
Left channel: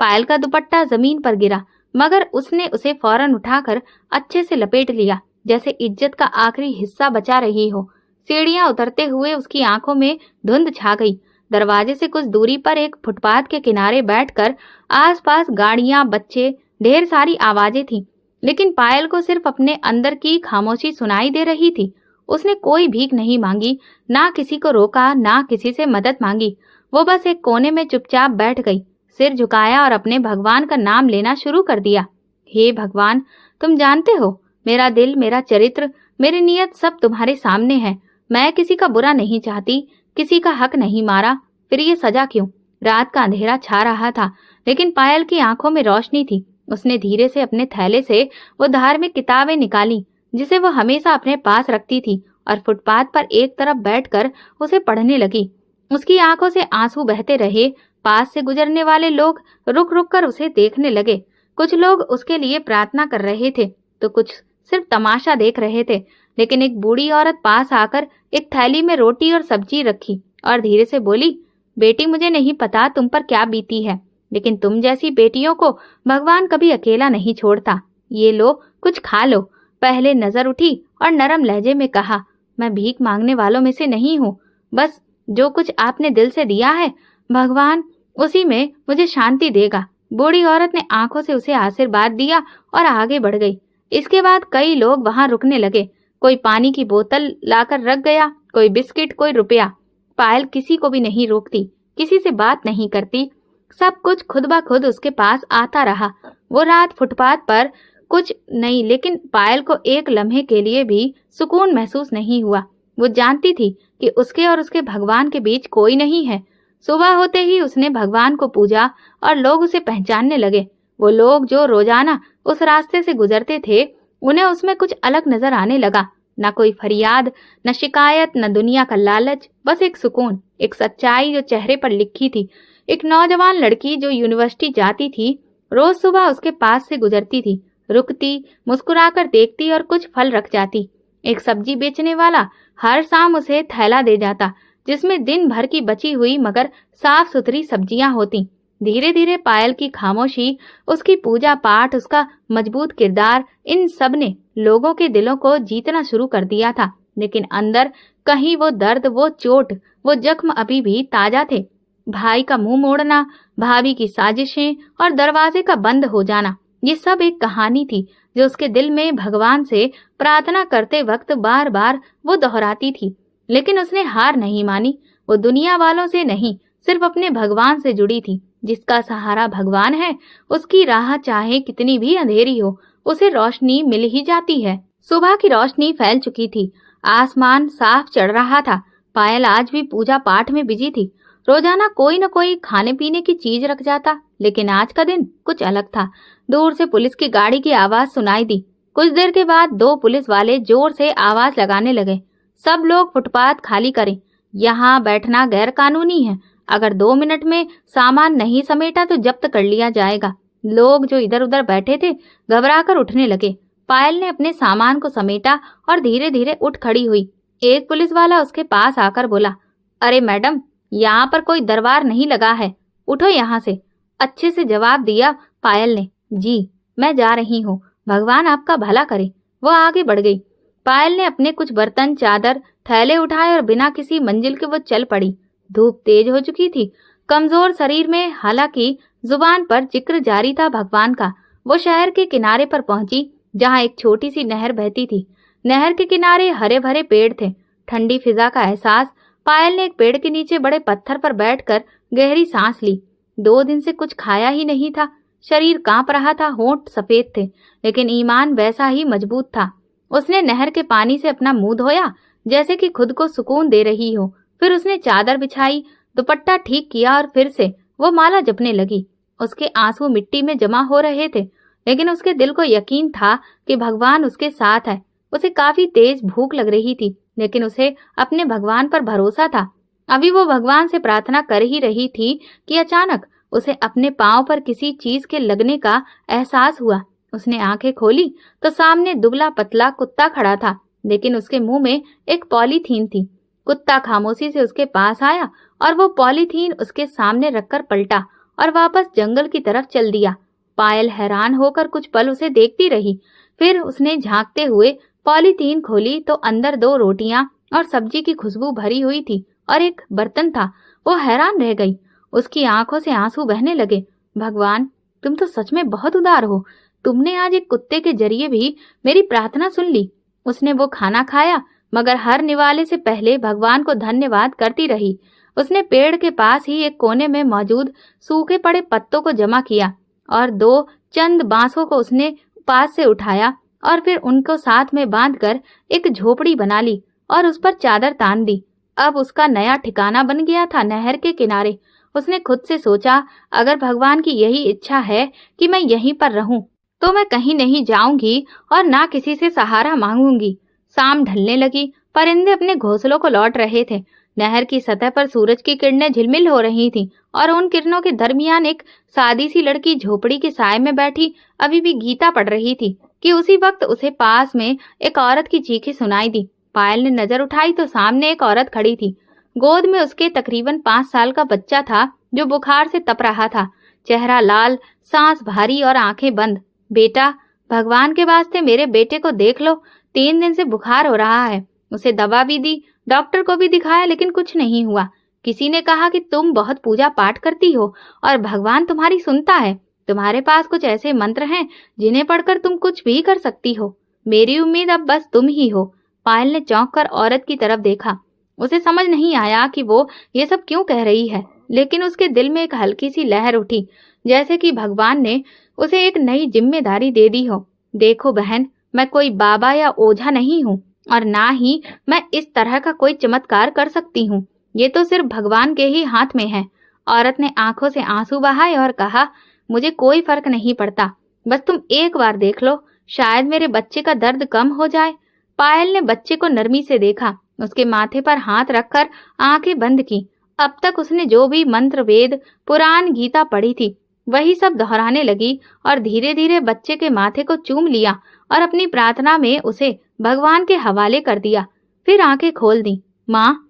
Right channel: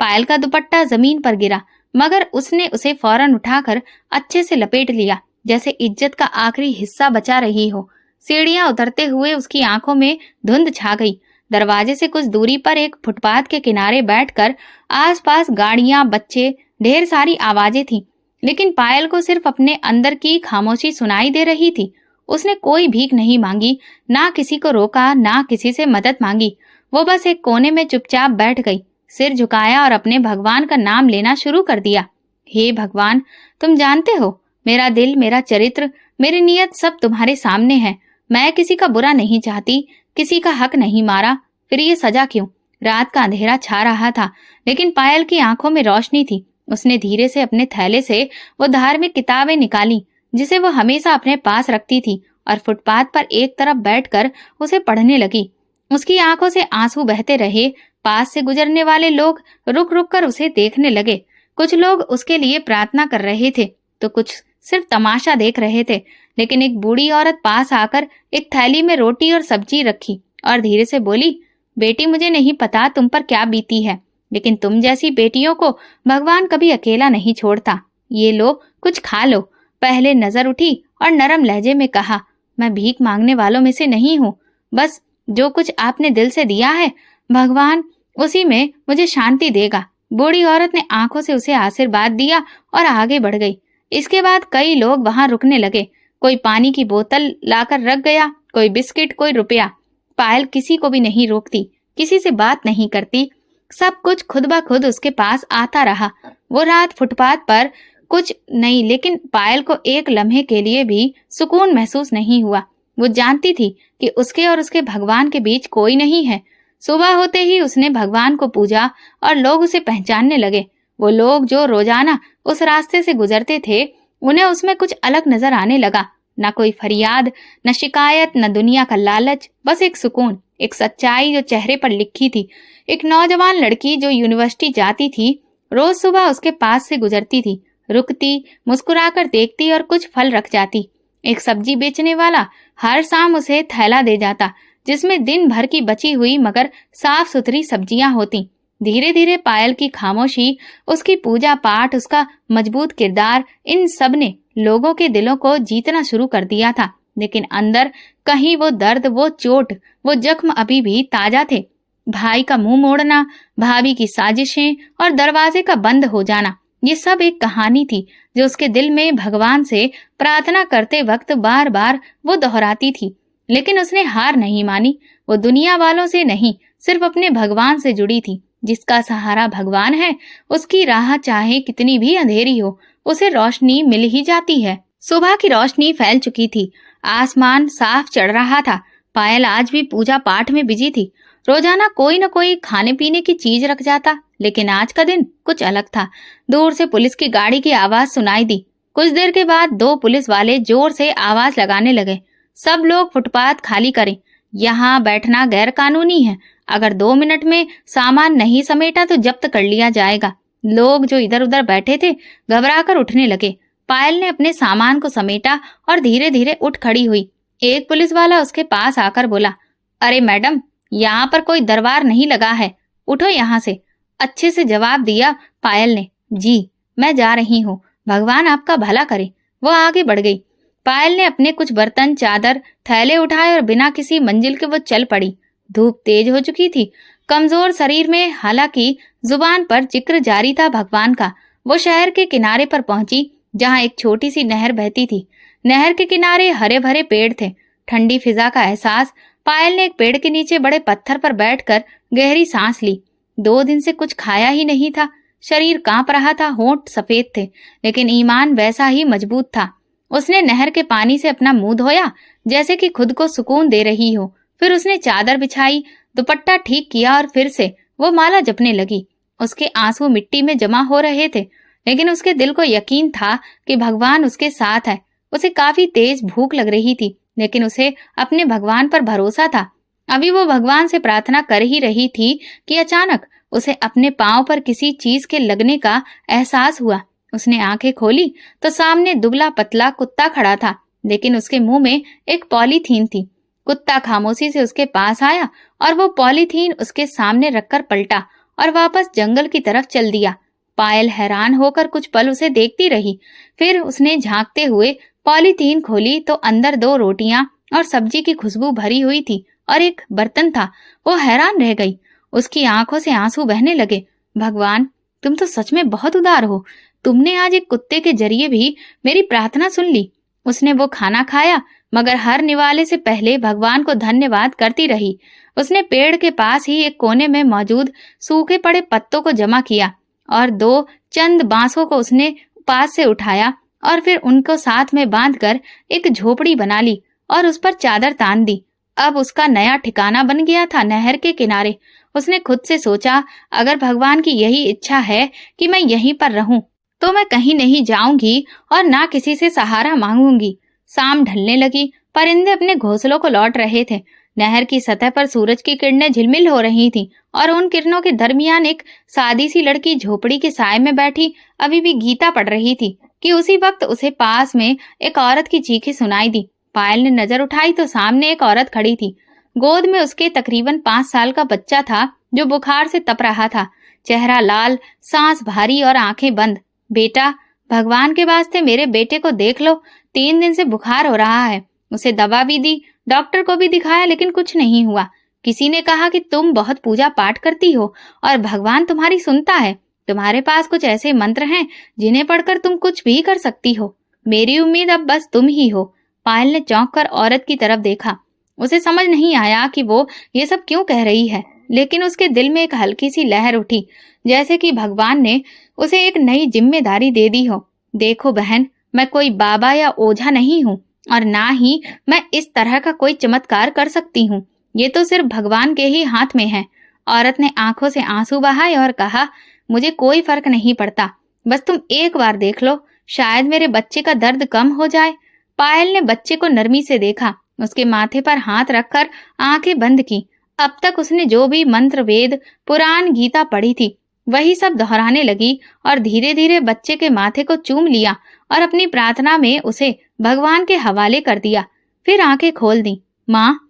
पायल का दुपट्टा जमीन पर गिरा, मगर उसने उसे फौरन उठाकर अच्छे से लपेट लिया, जैसे इज्जत का आखिरी हिस्सा बचा रही हो। सीढ़ियां उतरते हुए उसकी आंखों में धुंध छा गई। दरवाजे से कुछ दूरी पर एक फुटपाथ के किनारे बैठकर आसपास गाड़ियां, बच्चे, ढेर सारी आवाजें थीं, लेकिन पायल को सिर्फ अपने अंदर की खामोशी सुनाई दे रही थी। उसने कोई भीख नहीं मांगी, ना किसी को रोका, ना किसी से मदद मांगी। वो बस एक कोने में चुपचाप बैठ गई, सिर झुकाया और अपने भगवान का नाम लेना शुरू कर दिया। हे भगवान, तुम जानते हो, मेरा दिल, मेरा चरित्र, मेरी नीयत सब तुम्हारे सामने है। मैं किसी का बुरा नहीं चाहती, किसी का हक नहीं मारा, फिर ये सजा क्यों? रात का अंधेरा छा रहा था, लेकिन पायल की आंखों में रोशनी थी। उसने धीरे से अपने थैले से वो धार्मिक किताबें निकाली जिसे वो हमेशा अपने पास रखती थी, और फुटपाथ पर एक तरफ बैठकर उसे पढ़ने लगी। उसकी आंखों से आंसू बहते रहे। पास से गुजरने वाले लोग रुक रुक कर उसे देखने लगे। कुछ लोग उसके लिए प्रार्थना कर रहे थे, तो कुछ सिर्फ तमाशा देख रहे थे। लेकिन एक बूढ़ी औरत पास आकर एक थैली में रोटी और सब्जी रखी और धीरे से बोली, बेटी, मुझे नहीं पता तुम पर क्या बीती है, लेकिन तुम जैसी बेटियों को भगवान कभी अकेला नहीं छोड़ता। ये लो, कुछ खा लो। पहले नजर उठी और नरम लहजे में कहा, मैं भीख मांगने वालों में से नहीं हूँ। बस जो कुछ आपने दिल से दिया है, भगवान उसी में मुझे शांति देगा। बूढ़ी औरत ने आंखों से उसे आशीर्वाद दिया और आगे बढ़ गई। इसके बाद कई लोग वहां रुकने लगे। कोई पानी की बोतल लाकर रख गया, कोई बिस्किट, कोई रुपया। पायल किसी को भी नहीं रोकती, किसी से बात नहीं करती, सब कुछ खुद ब खुद उसके पास आता रहा। वो रात फुटपाथ पर कुछ नहीं, लेकिन पायल को एक लम्हे के लिए भी सुकून महसूस नहीं हुआ। वो जानती थी कि उसके और उसके भगवान के बीच कोई नहीं है। सुबह होते ही उसने भगवान को पूजा और लोग उसे पहचानने लगे। वो लोग जो रोजाना उस रास्ते से गुजरते थे, उन्हें उसमें कुछ अलग नजर आने लगा। न कोई फरियाद, न शिकायत, न दुनिया का लालच, बस एक सुकून, एक सच्चाई जो चेहरे पर लिखी थी। एक नौजवान लड़की जो यूनिवर्सिटी जाती थी, रोज सुबह उसके पास से गुजरती थी, रुकती, मुस्कुराकर देखती और कुछ फल रख जाती। एक सब्जी बेचने वाला हर शाम उसे थैला दे जाता, जिसमें दिन भर की बची हुई मगर साफ सुथरी सब्जियां होती। धीरे धीरे पायल की खामोशी, उसकी पूजा पाठ, उसका मजबूत किरदार, इन सब ने लोगों के दिलों को जीतना शुरू कर दिया था। लेकिन अंदर कहीं वो दर्द, वो चोट, वो जख्म अभी भी ताजा थे। भाई का मुंह मोड़ना, भाभी की साजिशें और दरवाजे का बंद हो जाना, ये सब एक कहानी थी जो उसके दिल में भगवान से प्रार्थना करते वक्त बार बार वो दोहराती थी। लेकिन उसने हार नहीं मानी। वो दुनिया वालों से नहीं, सिर्फ अपने भगवान से जुड़ी थी। जिसका सहारा भगवान है, उसकी राह चाहे कितनी भी अंधेरी हो, उसे रोशनी मिल ही जाती है। सुबह की रोशनी फैल चुकी थी, आसमान साफ चढ़ रहा था। पायल आज भी पूजा पाठ में बिजी थी। रोजाना कोई न कोई खाने पीने की चीज रख जाता, लेकिन आज का दिन कुछ अलग था। दूर से पुलिस की गाड़ी की आवाज सुनाई दी। कुछ देर के बाद 2 पुलिस वाले जोर से आवाज लगाने लगे, सब लोग फुटपाथ खाली करें, यहाँ बैठना गैर कानूनी है। अगर 2 मिनट में सामान नहीं समेटा तो जब्त कर लिया जाएगा। लोग जो इधर उधर बैठे थे घबराकर उठने लगे। पायल ने अपने सामान को समेटा और धीरे धीरे उठ खड़ी हुई। एक पुलिस वाला उसके पास आकर बोला, अरे मैडम, यहाँ पर कोई दरबार नहीं लगा है, उठो यहाँ से। अच्छे से जवाब दिया पायल ने। जी, मैं जा रही हूँ, भगवान आपका भला करे। वो आगे बढ़ गई। पायल ने अपने कुछ बर्तन, चादर, थैले उठाए और बिना किसी मंजिल के वो चल पड़ी। धूप तेज हो चुकी थी, कमजोर शरीर में, हालांकि जुबान पर जिक्र जारी था भगवान का। वो शहर के किनारे पर पहुंची, जहां एक छोटी सी नहर बहती थी। नहर के किनारे हरे भरे पेड़ थे। ठंडी फिजा का एहसास। पायल ने एक पेड़ के नीचे बड़े पत्थर पर बैठकर गहरी सांस ली। 2 दिन से कुछ खाया ही नहीं था, शरीर कांप रहा था, होंठ सफेद थे, लेकिन ईमान वैसा ही मजबूत था। उसने नहर के पानी से अपना मुंह धोया, जैसे कि खुद को सुकून दे रही हो। फिर उसने चादर बिछाई, दुपट्टा ठीक किया और फिर से वो माला जपने लगी। उसके आंसू मिट्टी में जमा हो रहे थे, लेकिन उसके दिल को यकीन था कि भगवान उसके साथ है। उसे काफी तेज भूख लग रही थी, लेकिन उसे अपने भगवान पर भरोसा था। अभी वो भगवान से प्रार्थना कर ही रही थी कि अचानक उसे अपने पांव पर किसी चीज के लगने का एहसास हुआ। उसने आंखें खोली तो सामने दुबला पतला कुत्ता खड़ा था, लेकिन उसके मुंह में एक पॉलीथीन थी। कुत्ता खामोशी से उसके पास आया और वो पॉलीथीन उसके सामने रखकर पलटा और वापस जंगल की तरफ चल दिया। पायल हैरान होकर कुछ पल उसे देखती रही। फिर उसने झांकते हुए पॉलीथीन खोली तो अंदर 2 रोटियां और सब्जी की खुशबू भरी हुई थी और एक बर्तन था। वो हैरान रह गई, उसकी आंखों से आंसू बहने लगे। भगवान, तुम तो सच में बहुत उदार हो। तुमने आज एक कुत्ते के जरिए भी मेरी प्रार्थना सुन ली। उसने वो खाना खाया, मगर हर निवाले से पहले भगवान को धन्यवाद करती रही। उसने पेड़ के पास ही एक कोने में मौजूद सूखे पड़े पत्तों को जमा किया और 2 चंद बांसों को उसने पास से उठाया और फिर उनको साथ में बांधकर एक झोपड़ी बना ली और उस पर चादर तान दी। अब उसका नया ठिकाना बन गया था नहर के किनारे। उसने खुद से सोचा, अगर भगवान की यही इच्छा है कि मैं यहीं पर रहूं, तो मैं कहीं नहीं जाऊंगी और ना किसी से सहारा मांगूंगी। शाम ढलने लगी, परिंदे अपने घोंसलों को लौट रहे थे। नहर की सतह पर सूरज की किरणें झिलमिल हो रही थीं और उन किरणों के दरमियान एक सादी सी लड़की झोपड़ी के साए में बैठी अभी भी गीता पढ़ रही थी कि उसी वक्त उसे पास में एक औरत की चीखें सुनाई दी। पायल ने नजर उठाई तो सामने एक औरत खड़ी थी। गोद में उसके तकरीबन 5 साल का बच्चा था, जो बुखार से तप रहा था। चेहरा लाल, सांस भारी और आंखें बंद। बेटा, भगवान के वास्ते मेरे बेटे को देख लो, 3 दिन से बुखार हो रहा है। उसे दवा भी दी, डॉक्टर को भी दिखाया, लेकिन कुछ नहीं हुआ। किसी ने कहा कि तुम बहुत पूजा पाठ करती हो और भगवान तुम्हारी सुनता है। तुम्हारे पास कुछ ऐसे मंत्र हैं जिन्हें पढ़कर तुम कुछ भी कर सकती हो। मेरी उम्मीद अब बस तुम ही हो। पायल ने चौंक कर औरत की तरफ देखा। उसे समझ नहीं आया कि वो ये सब क्यों कह रही है, लेकिन उसके दिल में एक हल्की सी लहर उठी, जैसे कि भगवान ने उसे एक नई जिम्मेदारी दे दी हो। देखो बहन, मैं कोई बाबा या ओझा नहीं हूँ और ना ही मैं इस तरह का कोई चमत्कार कर सकती हूँ। ये तो सिर्फ भगवान के ही हाथ में है। औरत ने आंखों से आंसू बहाए और कहा, मुझे कोई फर्क नहीं पड़ता, बस तुम एक बार देख लो, शायद मेरे बच्चे का दर्द कम हो जाए। पायल ने बच्चे को नरमी से देखा, उसके माथे पर हाथ रखकर आंखें बंद की। अब तक उसने जो भी मंत्र, वेद, पुराण, गीता पढ़ी थी, वही सब दोहराने लगी और धीरे धीरे बच्चे के माथे को चूम लिया और अपनी प्रार्थना में उसे भगवान के हवाले कर दिया। फिर आंखें खोल दी। माँ,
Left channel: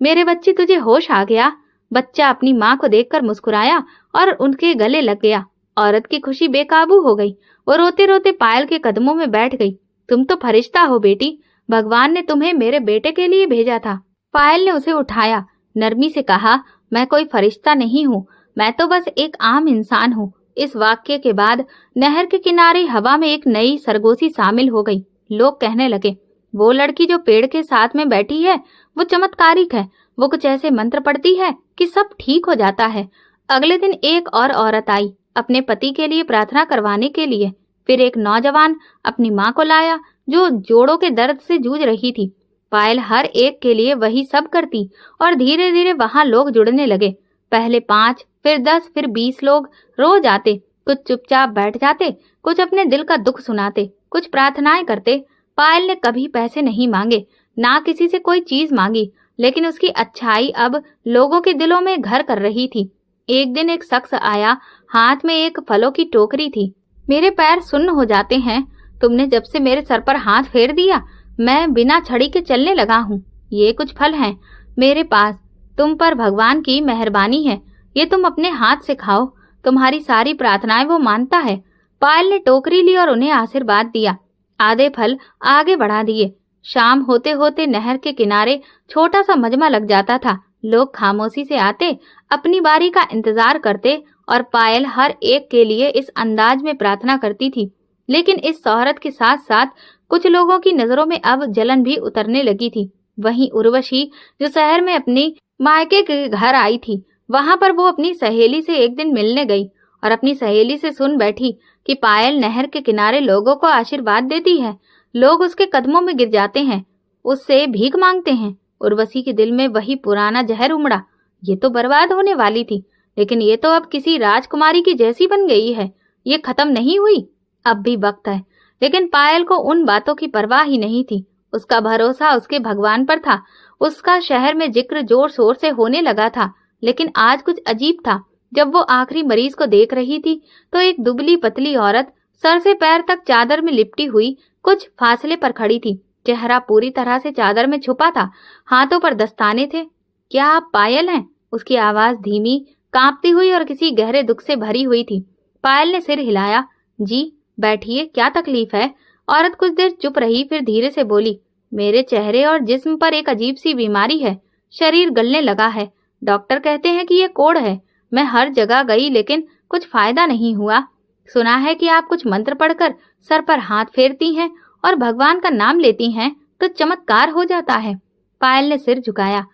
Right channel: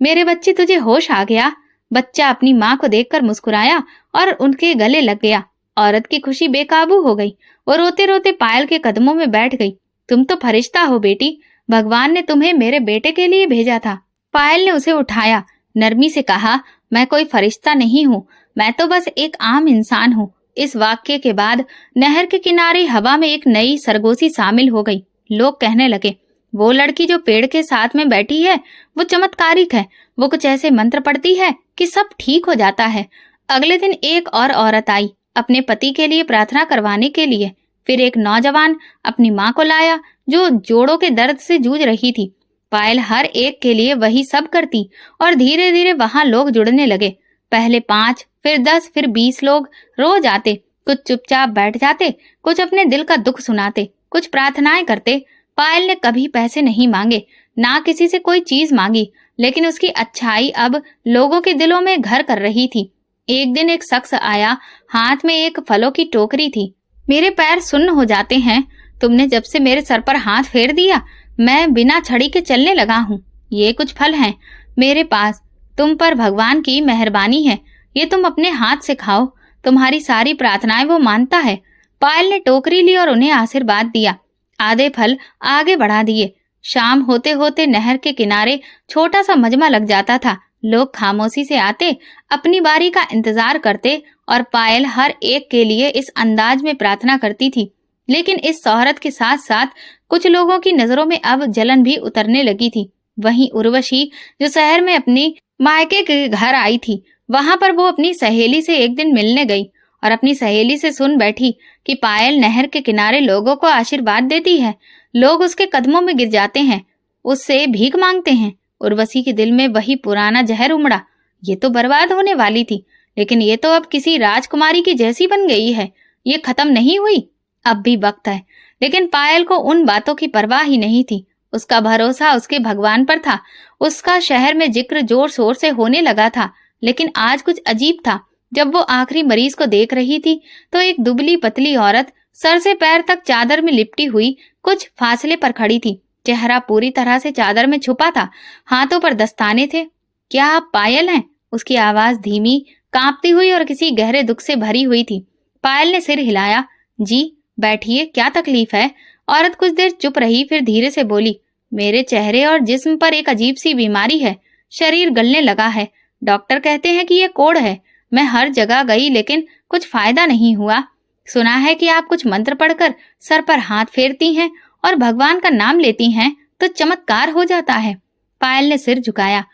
मेरे बच्चे, तुझे होश आ गया? बच्चा अपनी माँ को देखकर मुस्कुराया और उनके गले लग गया। औरत की खुशी बेकाबू हो गई। वो रोते रोते पायल के कदमों में बैठ गई। तुम तो फरिश्ता हो बेटी, भगवान ने तुम्हें मेरे बेटे के लिए भेजा था। पायल ने उसे उठाया, नरमी से कहा, मैं कोई फरिश्ता नहीं हूँ, मैं तो बस एक आम इंसान हूँ। इस वाक्य के बाद नहर के किनारे हवा में एक नई सरगोशी शामिल हो गई। लोग कहने लगे, वो लड़की जो पेड़ के साथ में बैठी है, वो चमत्कारिक है। वो कुछ ऐसे मंत्र पढ़ती है कि सब ठीक हो जाता है। अगले दिन एक और औरत आई अपने पति के लिए प्रार्थना करवाने के लिए। फिर एक नौजवान अपनी माँ को लाया जो जोड़ों के दर्द से जूझ रही थी। पायल हर एक के लिए वही सब करती और धीरे धीरे वहां लोग जुड़ने लगे। पहले 5, फिर 10, फिर 20 लोग रोज आते। कुछ चुपचाप बैठ जाते, कुछ अपने दिल का दुख सुनाते, कुछ प्रार्थनाएं करते। पायल ने कभी पैसे नहीं मांगे, ना किसी से कोई चीज मांगी, लेकिन उसकी अच्छाई अब लोगों के दिलों में घर कर रही थी। एक दिन एक शख्स आया, हाथ में एक फलों की टोकरी थी। मेरे पैर सुन्न हो जाते हैं। तुमने जब से मेरे सर पर हाथ फेर दिया, मैं बिना छड़ी के चलने लगा हूँ। ये कुछ फल हैं मेरे पास, तुम पर भगवान की मेहरबानी है, ये तुम अपने हाथ से खाओ। तुम्हारी सारी प्रार्थनाएं वो मानता है। पायल ने टोकरी ली और उन्हें आशीर्वाद दिया। आधे फल आगे बढ़ा दिए। शाम होते होते नहर के किनारे छोटा सा मजमा लग जाता था। लोग खामोशी से आते, अपनी बारी का इंतजार करते और पायल हर एक के लिए इस अंदाज में प्रार्थना करती थी। लेकिन इस शोहरत के साथ साथ कुछ लोगों की नजरों में अब जलन भी उतरने लगी थी। वहीं उर्वशी जो शहर में अपनी मायके के घर आई थी, वहां पर वो अपनी सहेली से एक दिन मिलने गई और अपनी सहेली से सुन बैठी कि पायल नहर के किनारे लोगों को आशीर्वाद देती है। लोग उसके कदमों में गिर जाते हैं, उससे भीख मांगते हैं। उर्वशी के दिल में वही पुराना जहर उमड़ा। ये तो बर्बाद होने वाली थी, लेकिन ये तो अब किसी राजकुमारी की जैसी बन गई है। ये खत्म नहीं हुई, अब भी वक्त है। लेकिन पायल को उन बातों की परवाह ही नहीं थी। उसका भरोसा उसके भगवान पर था। उसका शहर में जिक्र जोर शोर से होने लगा था। लेकिन आज कुछ अजीब था। जब वो आखिरी मरीज को देख रही थी तो एक दुबली पतली औरत सर से पैर तक चादर में लिपटी हुई कुछ फासले पर खड़ी थी। चेहरा पूरी तरह से चादर में छुपा था, हाथों पर दस्ताने थे। क्या आप पायल हैं? उसकी आवाज धीमी, कांपती हुई और किसी गहरे दुख से भरी हुई थी। पायल ने सिर हिलाया। जी, बैठिए, क्या तकलीफ है? औरत कुछ देर चुप रही, फिर धीरे से बोली, मेरे चेहरे और जिस्म पर एक अजीब सी बीमारी है। शरीर गलने लगा है। डॉक्टर कहते हैं कि ये कोढ़ है। मैं हर जगह गई लेकिन कुछ फायदा नहीं हुआ। सुना है कि आप कुछ मंत्र पढ़कर सर पर हाथ फेरती हैं और भगवान का नाम लेती हैं तो चमत्कार हो जाता है। पायल ने सिर झुकाया।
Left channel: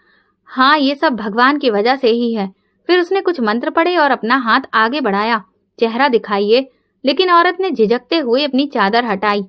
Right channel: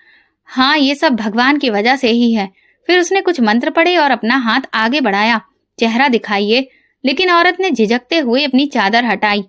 हाँ, ये सब भगवान की वजह से ही है। फिर उसने कुछ मंत्र पढ़े और अपना हाथ आगे बढ़ाया। चेहरा दिखाइए। लेकिन औरत ने झिझकते हुए अपनी चादर हटाई।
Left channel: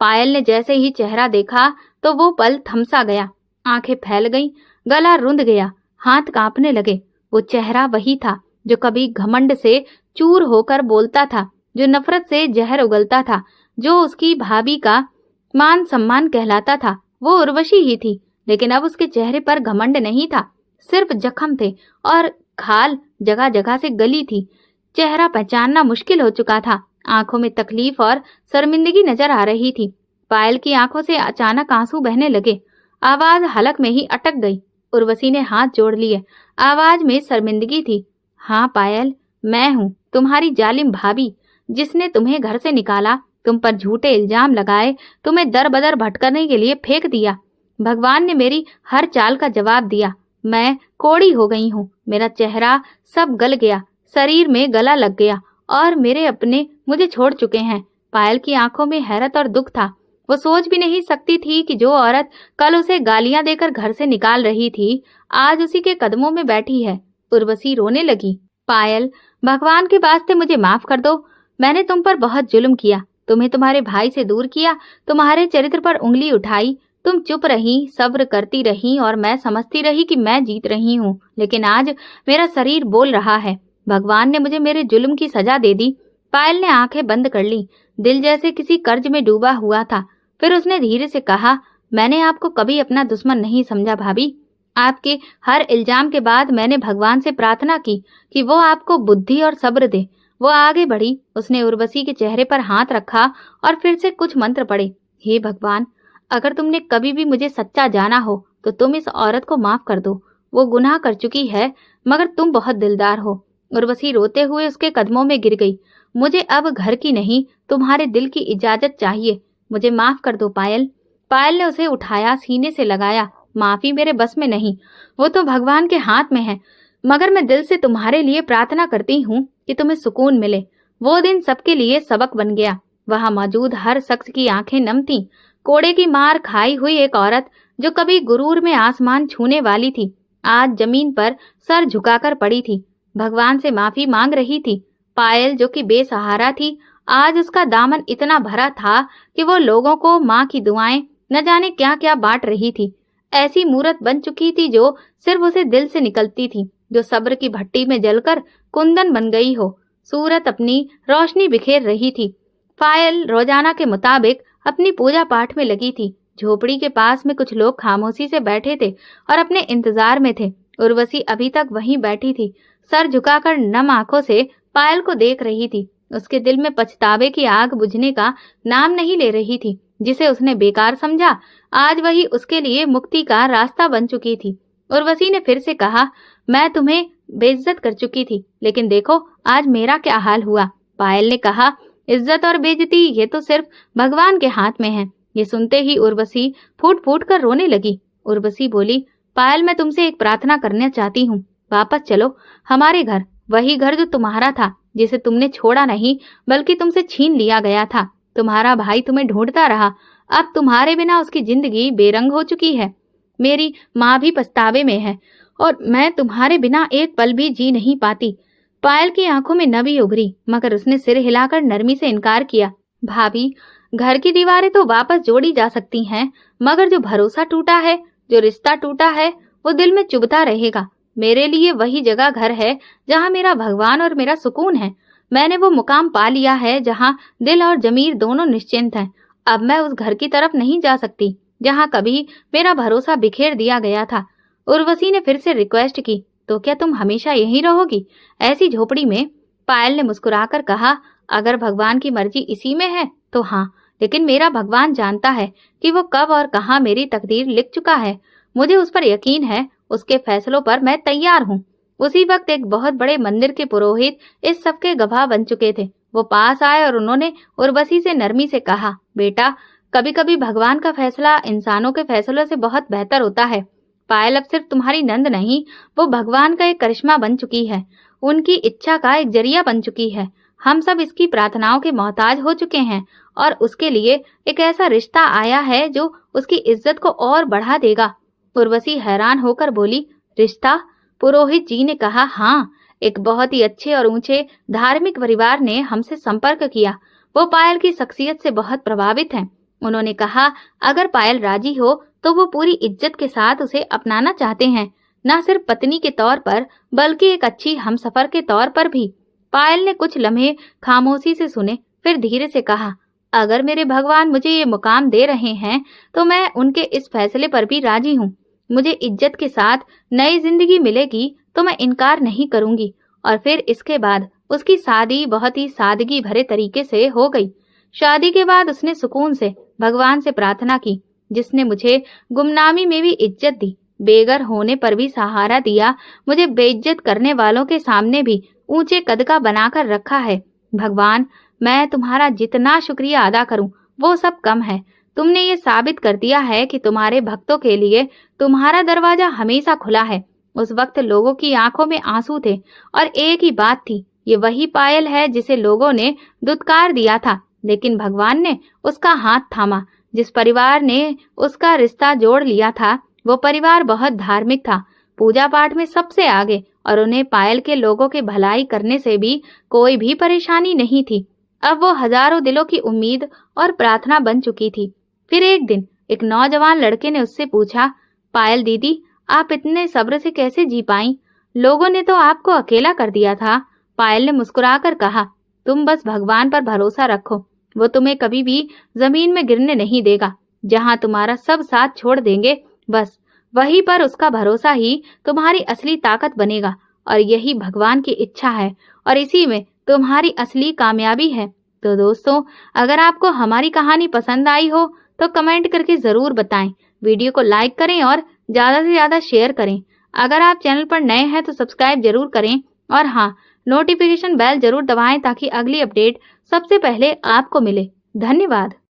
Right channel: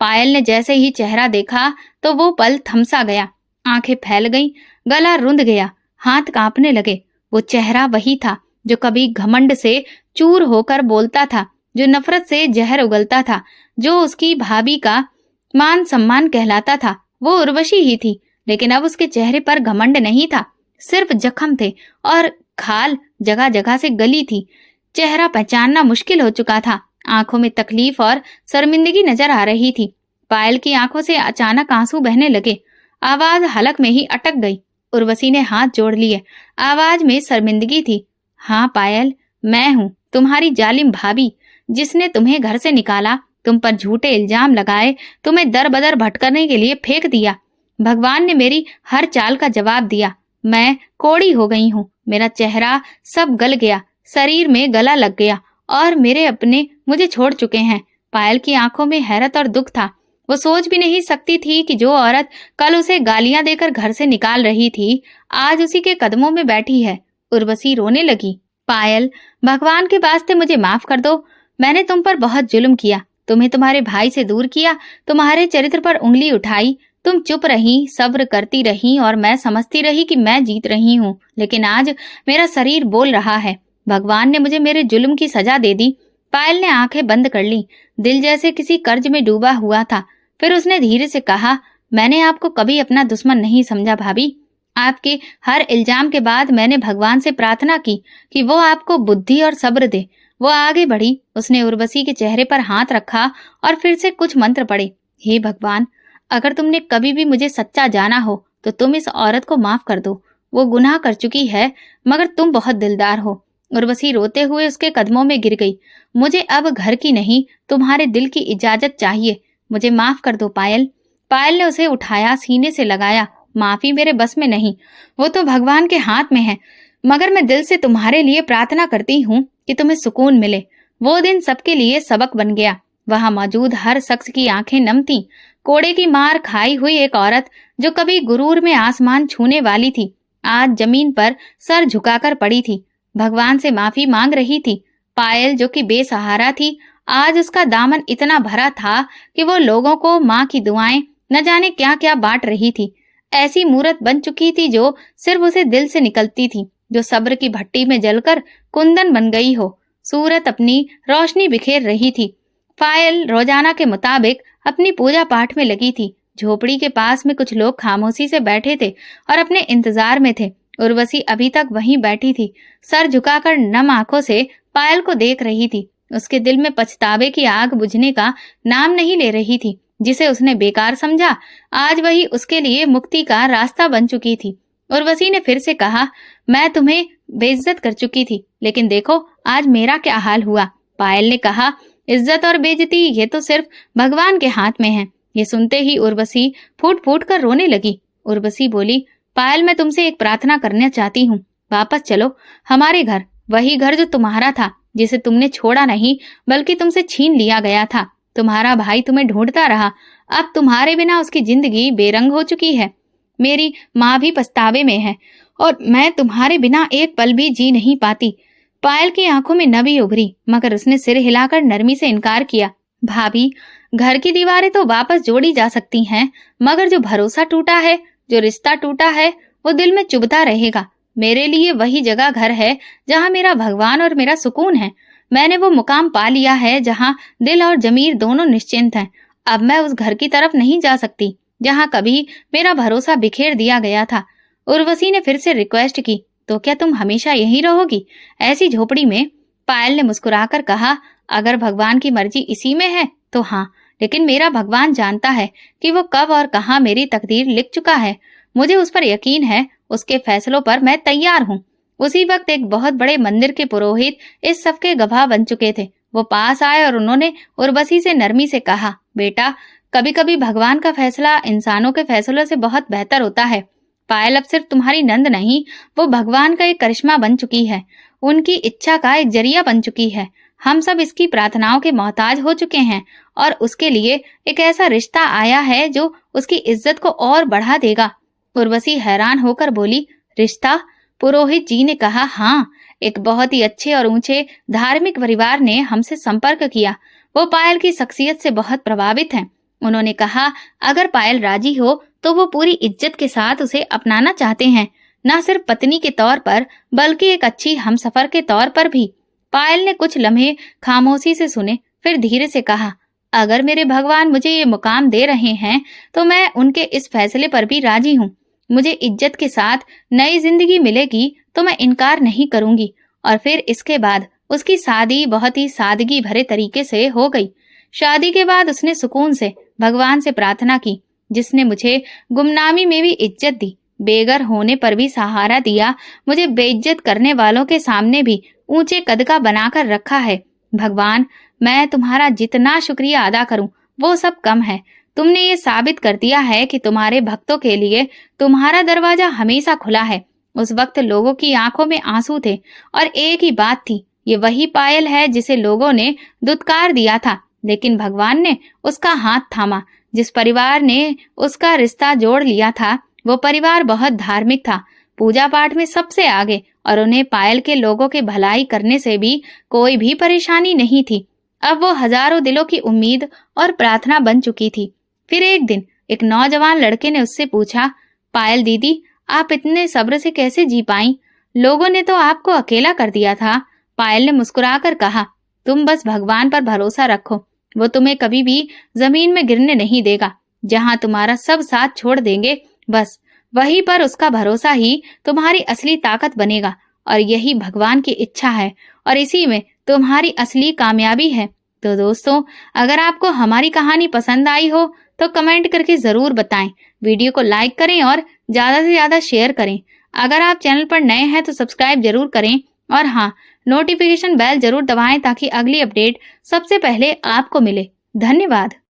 पायल ने जैसे ही चेहरा देखा तो वो पल थमसा गया। आंखें फैल गईं, गला रुंध गया, हाथ कांपने लगे। वो चेहरा वही था जो कभी घमंड से चूर होकर बोलता था, जो नफरत से जहर उगलता था, जो उसकी भाभी का मान सम्मान कहलाता था। वो उर्वशी ही थी, लेकिन अब उसके चेहरे पर घमंड नहीं था, सिर्फ जख्म थे और खाल जगह जगह से गली थी। चेहरा पहचानना मुश्किल हो चुका था। आंखों में तकलीफ और शर्मिंदगी नजर आ रही थी। पायल की आंखों से अचानक आंसू बहने लगे। आवाज हलक में ही अटक गई। उर्वशी ने हाथ जोड़ लिए। आवाज में शर्मिंदगी थी। हाँ पायल, मैं हूँ तुम्हारी जालिम भाभी, जिसने तुम्हें घर से निकाला, तुम पर झूठे इल्जाम लगाए, तुम्हें दर बदर भटकने के लिए फेंक दिया। भगवान ने मेरी हर चाल का जवाब दिया। मैं कोड़ी हो गई हूँ। मेरा चेहरा सब गल गया, शरीर में गला लग गया और मेरे अपने मुझे छोड़ चुके हैं। पायल की आंखों में हैरत और दुख था। वो सोच भी नहीं सकती थी कि जो औरत कल उसे गालियां देकर घर से निकाल रही थी, आज उसी के कदमों में बैठी है। उर्वशी रोने लगी। पायल, भगवान के वास्ते मुझे माफ कर दो। मैंने तुम पर बहुत जुल्म किया, तुम्हें तुम्हारे भाई से दूर किया, तुम्हारे चरित्र पर उंगली उठाई। तुम चुप रही, सब्र करती रही और मैं समझती रही कि मैं जीत रही हूँ। लेकिन आज मेरा शरीर बोल रहा है। भगवान ने मुझे मेरे जुल्म की सजा दे दी। पायल ने आंखें बंद कर ली। दिल जैसे किसी कर्ज में डूबा हुआ था। फिर उसने धीरे से कहा, मैंने आपको कभी अपना दुश्मन नहीं समझा भाभी। आपके हर इल्जाम के बाद मैंने भगवान से प्रार्थना की कि वो आपको बुद्धि और सब्र दे। वो आगे बढ़ी। उसने उर्वशी के चेहरे पर हाथ रखा और फिर से कुछ मंत्र पढ़े। हे भगवान, अगर तुमने कभी भी मुझे सच्चा जाना हो तो तुम इस औरत को माफ कर दो। वो गुनाह कर चुकी है, मगर तुम बहुत दिलदार हो। उर्वशी रोते हुए उसके कदमों में गिर गई। मुझे अब घर की नहीं, तुम्हारे दिल की इजाजत चाहिए। मुझे माफ कर दो पायल। पायल ने उसे उठाया, सीने से लगाया। माफी मेरे बस में नहीं, वो तो भगवान के हाथ में है। मगर मैं दिल से तुम्हारे लिए प्रार्थना करती हूँ कि तुम्हें सुकून मिले। वो दिन सबके लिए सबक बन गया। वहां मौजूद हर शख्स की आंखें नम थीं। कोड़े की मार खाई हुई एक औरत जो कभी गुरूर में आसमान छूने वाली थी, आज जमीन पर सर झुकाकर पड़ी थी, भगवान से माफी मांग रही थी। पायल जो कि बेसहारा थी, आज उसका दामन इतना भरा था कि वो लोगों को माँ की दुआएं न जाने क्या क्या बांट रही थी। ऐसी मूरत बन चुकी थी जो सिर्फ उसे दिल से निकलती थी, जो सब्र की भट्टी में जलकर कुंदन बन गई हो। सूरत अपनी रोशनी बिखेर रही थी। पायल रोजाना के मुताबिक अपनी पूजा पाठ में लगी थी। झोपड़ी के पास में कुछ लोग खामोशी से बैठे थे और अपने इंतजार में थे। उर्वशी अभी तक वहीं बैठी थी, सर झुकाकर नम आंखों से पायल को देख रही थी। उसके दिल में पछतावे की आग बुझने का नाम नहीं ले रही थी। जिसे उसने बेकार समझा, आज वही उसके लिए मुक्ति का रास्ता बन चुकी थी। उर्वशी ने फिर से कहा, मैं तुम्हें बेइज्जत कर चुकी थी, लेकिन देखो आज मेरा क्या हाल हुआ। पायल ने कहा, इज्जत और बेइज्जती ये तो सिर्फ भगवान के हाथ में है। ये सुनते ही उर्वशी फूट फूट कर रोने लगी। उर्वशी बोली, पायल मैं तुमसे एक प्रार्थना करना चाहती हूँ। वापस चलो हमारे घर, वही घर जो तुम्हारा था, जिसे तुमने छोड़ा नहीं बल्कि तुमसे छीन लिया गया था। तुम्हारा भाई तुम्हें ढूंढता रहा, अब तुम्हारे बिना उसकी जिंदगी बेरंग हो चुकी है। मेरी माँ भी पछतावे में है और मैं तुम्हारे बिना एक पल भी जी नहीं पाती। पायल की आंखों में नमी उभरी, मगर उसने सिर हिलाकर नरमी से इनकार किया। भाभी, घर की दीवारें तो वापस जोड़ी जा सकती हैं, मगर जो भरोसा टूटा है, जो रिश्ता टूटा है, वो दिल में चुभता रहेगा। मेरे लिए वही जगह घर है जहाँ मेरा भगवान और मेरा सुकून है। मैंने वो मुकाम पा लिया है जहाँ दिल और जमीर दोनों निश्चिंत हैं। अब मैं उस घर की तरफ नहीं जा सकती जहाँ कभी मेरा भरोसा बिखेर दिया गया था। उर्वशी ने फिर से रिक्वेस्ट की, तो क्या तुम हमेशा यहीं रहोगी, ऐसी झोपड़ी में? पायल ने मुस्कुराकर कहा, अगर भगवान की मर्जी इसी में है तो हाँ, लेकिन मेरा भगवान जानता है कि वो कब और कहाँ मेरी तकदीर लिख चुका है। मुझे उस पर यकीन है, उसके फैसलों पर मैं तैयार हूँ। उसी वक्त एक बहुत बड़े मंदिर के पुरोहित इस सब के गवाह बन चुके थे। वो पास आए और उन्होंने उर्वशी से नरमी से कहा, बेटा, कभी कभी भगवान का फैसला इंसानों के फैसलों से बहुत बेहतर होता है। पायल अब सिर्फ तुम्हारी नंद नहीं, वो भगवान का एक करिश्मा बन चुकी है, उनकी इच्छा का एक जरिया बन चुकी है। हम सब इसकी प्रार्थनाओं के मोहताज हो चुके हैं और उसके लिए एक ऐसा रिश्ता आया है जो उसकी इज्जत को और बढ़ा देगा। उर्वशी हैरान होकर बोली, रिश्ता? पुरोहित जी ने कहा, हाँ, एक बहुत ही अच्छे और ऊंचे धार्मिक परिवार ने हमसे संपर्क किया। वो पायल की शख्सियत से बहुत प्रभावित हैं। उन्होंने कहा, अगर पायल राजी हो तो वो पूरी इज्जत के साथ उसे अपनाना चाहते हैं, न सिर्फ पत्नी के तौर पर बल्कि एक अच्छी हमसफर के तौर पर भी। पायल ने कुछ लम्हे खामोशी से सुने, फिर धीरे से कहा, अगर मेरे भगवान मुझे ये मुकाम दे रहे हैं तो मैं उनके इस फैसले पर भी राजी हूँ। मुझे इज्जत के साथ नई जिंदगी मिलेगी तो मैं इनकार नहीं करूंगी। और फिर इसके बाद उसकी शादी बहुत ही सादगी भरे तरीके से हो गई। शादी के बाद उसने सुकून से भगवान से प्रार्थना की, जिसने मुझे गुमनामी में भी इज्जत दी, बेघर होने पर भी सहारा दिया, मुझे बेइज्जत करने वालों के सामने भी ऊंचे कद का बनाकर रखा है। भगवान, मैं तुम्हारा जितना शुक्रिया अदा करूं वो सब कम है। तुमने ये साबित कर दिया है कि तुम्हारे भक्तों के लिए तुम्हारा दरवाजा हमेशा खुला है। उस वक्त लोगों की आंखों में आंसू थे और एक ही बात थी, ये वही पायल है जिसे लोगों ने दुत्कार दिया था, लेकिन भगवान ने उसका हाथ थामा। जिस परिवार ने उसका रिश्ता जोड़ लिया था, वो परिवार बहुत धार्मिक था, पूजा पाठ में सबसे आगे, और उन्हें पायल के लोगों के भलाई करने से भी कोई भी परेशानी नहीं थी। अब वो हजारों दिलों की उम्मीद और प्रार्थना बन चुकी थी। फिर एक दिन एक नौजवान लड़के ने उससे पूछा, पायल दीदी, आप इतने सब्र से कैसे जी पाई? लोगों ने तो आपको अकेला कर दिया था। पायल ने मुस्कुराकर कहा, तुम बस भगवान पर भरोसा रखो, वो तुम्हें कभी भी जमीन में गिरने नहीं देगा। जहाँ तुम्हारा सब साथ छोड़ देंगे, बस वहीं पर उसका भरोसा ही तुम्हारी असली ताकत बनेगा। और यही भगवान की इच्छा है और इसी में तुम्हारी असली कामयाबी है। तो दोस्तों, अगर आपको हमारी कहानी पसंद आई हो तो कमेंट करके जरूर बताएं, वीडियो को लाइक करें और ज्यादा से ज्यादा शेयर करें। अगर आप चैनल पर नए हैं तो सब्सक्राइब जरूर करें और हाँ, नोटिफिकेशन बेल जरूर दबाएं ताकि अगली अपडेट सबसे पहले आपको मिले। धन्यवाद।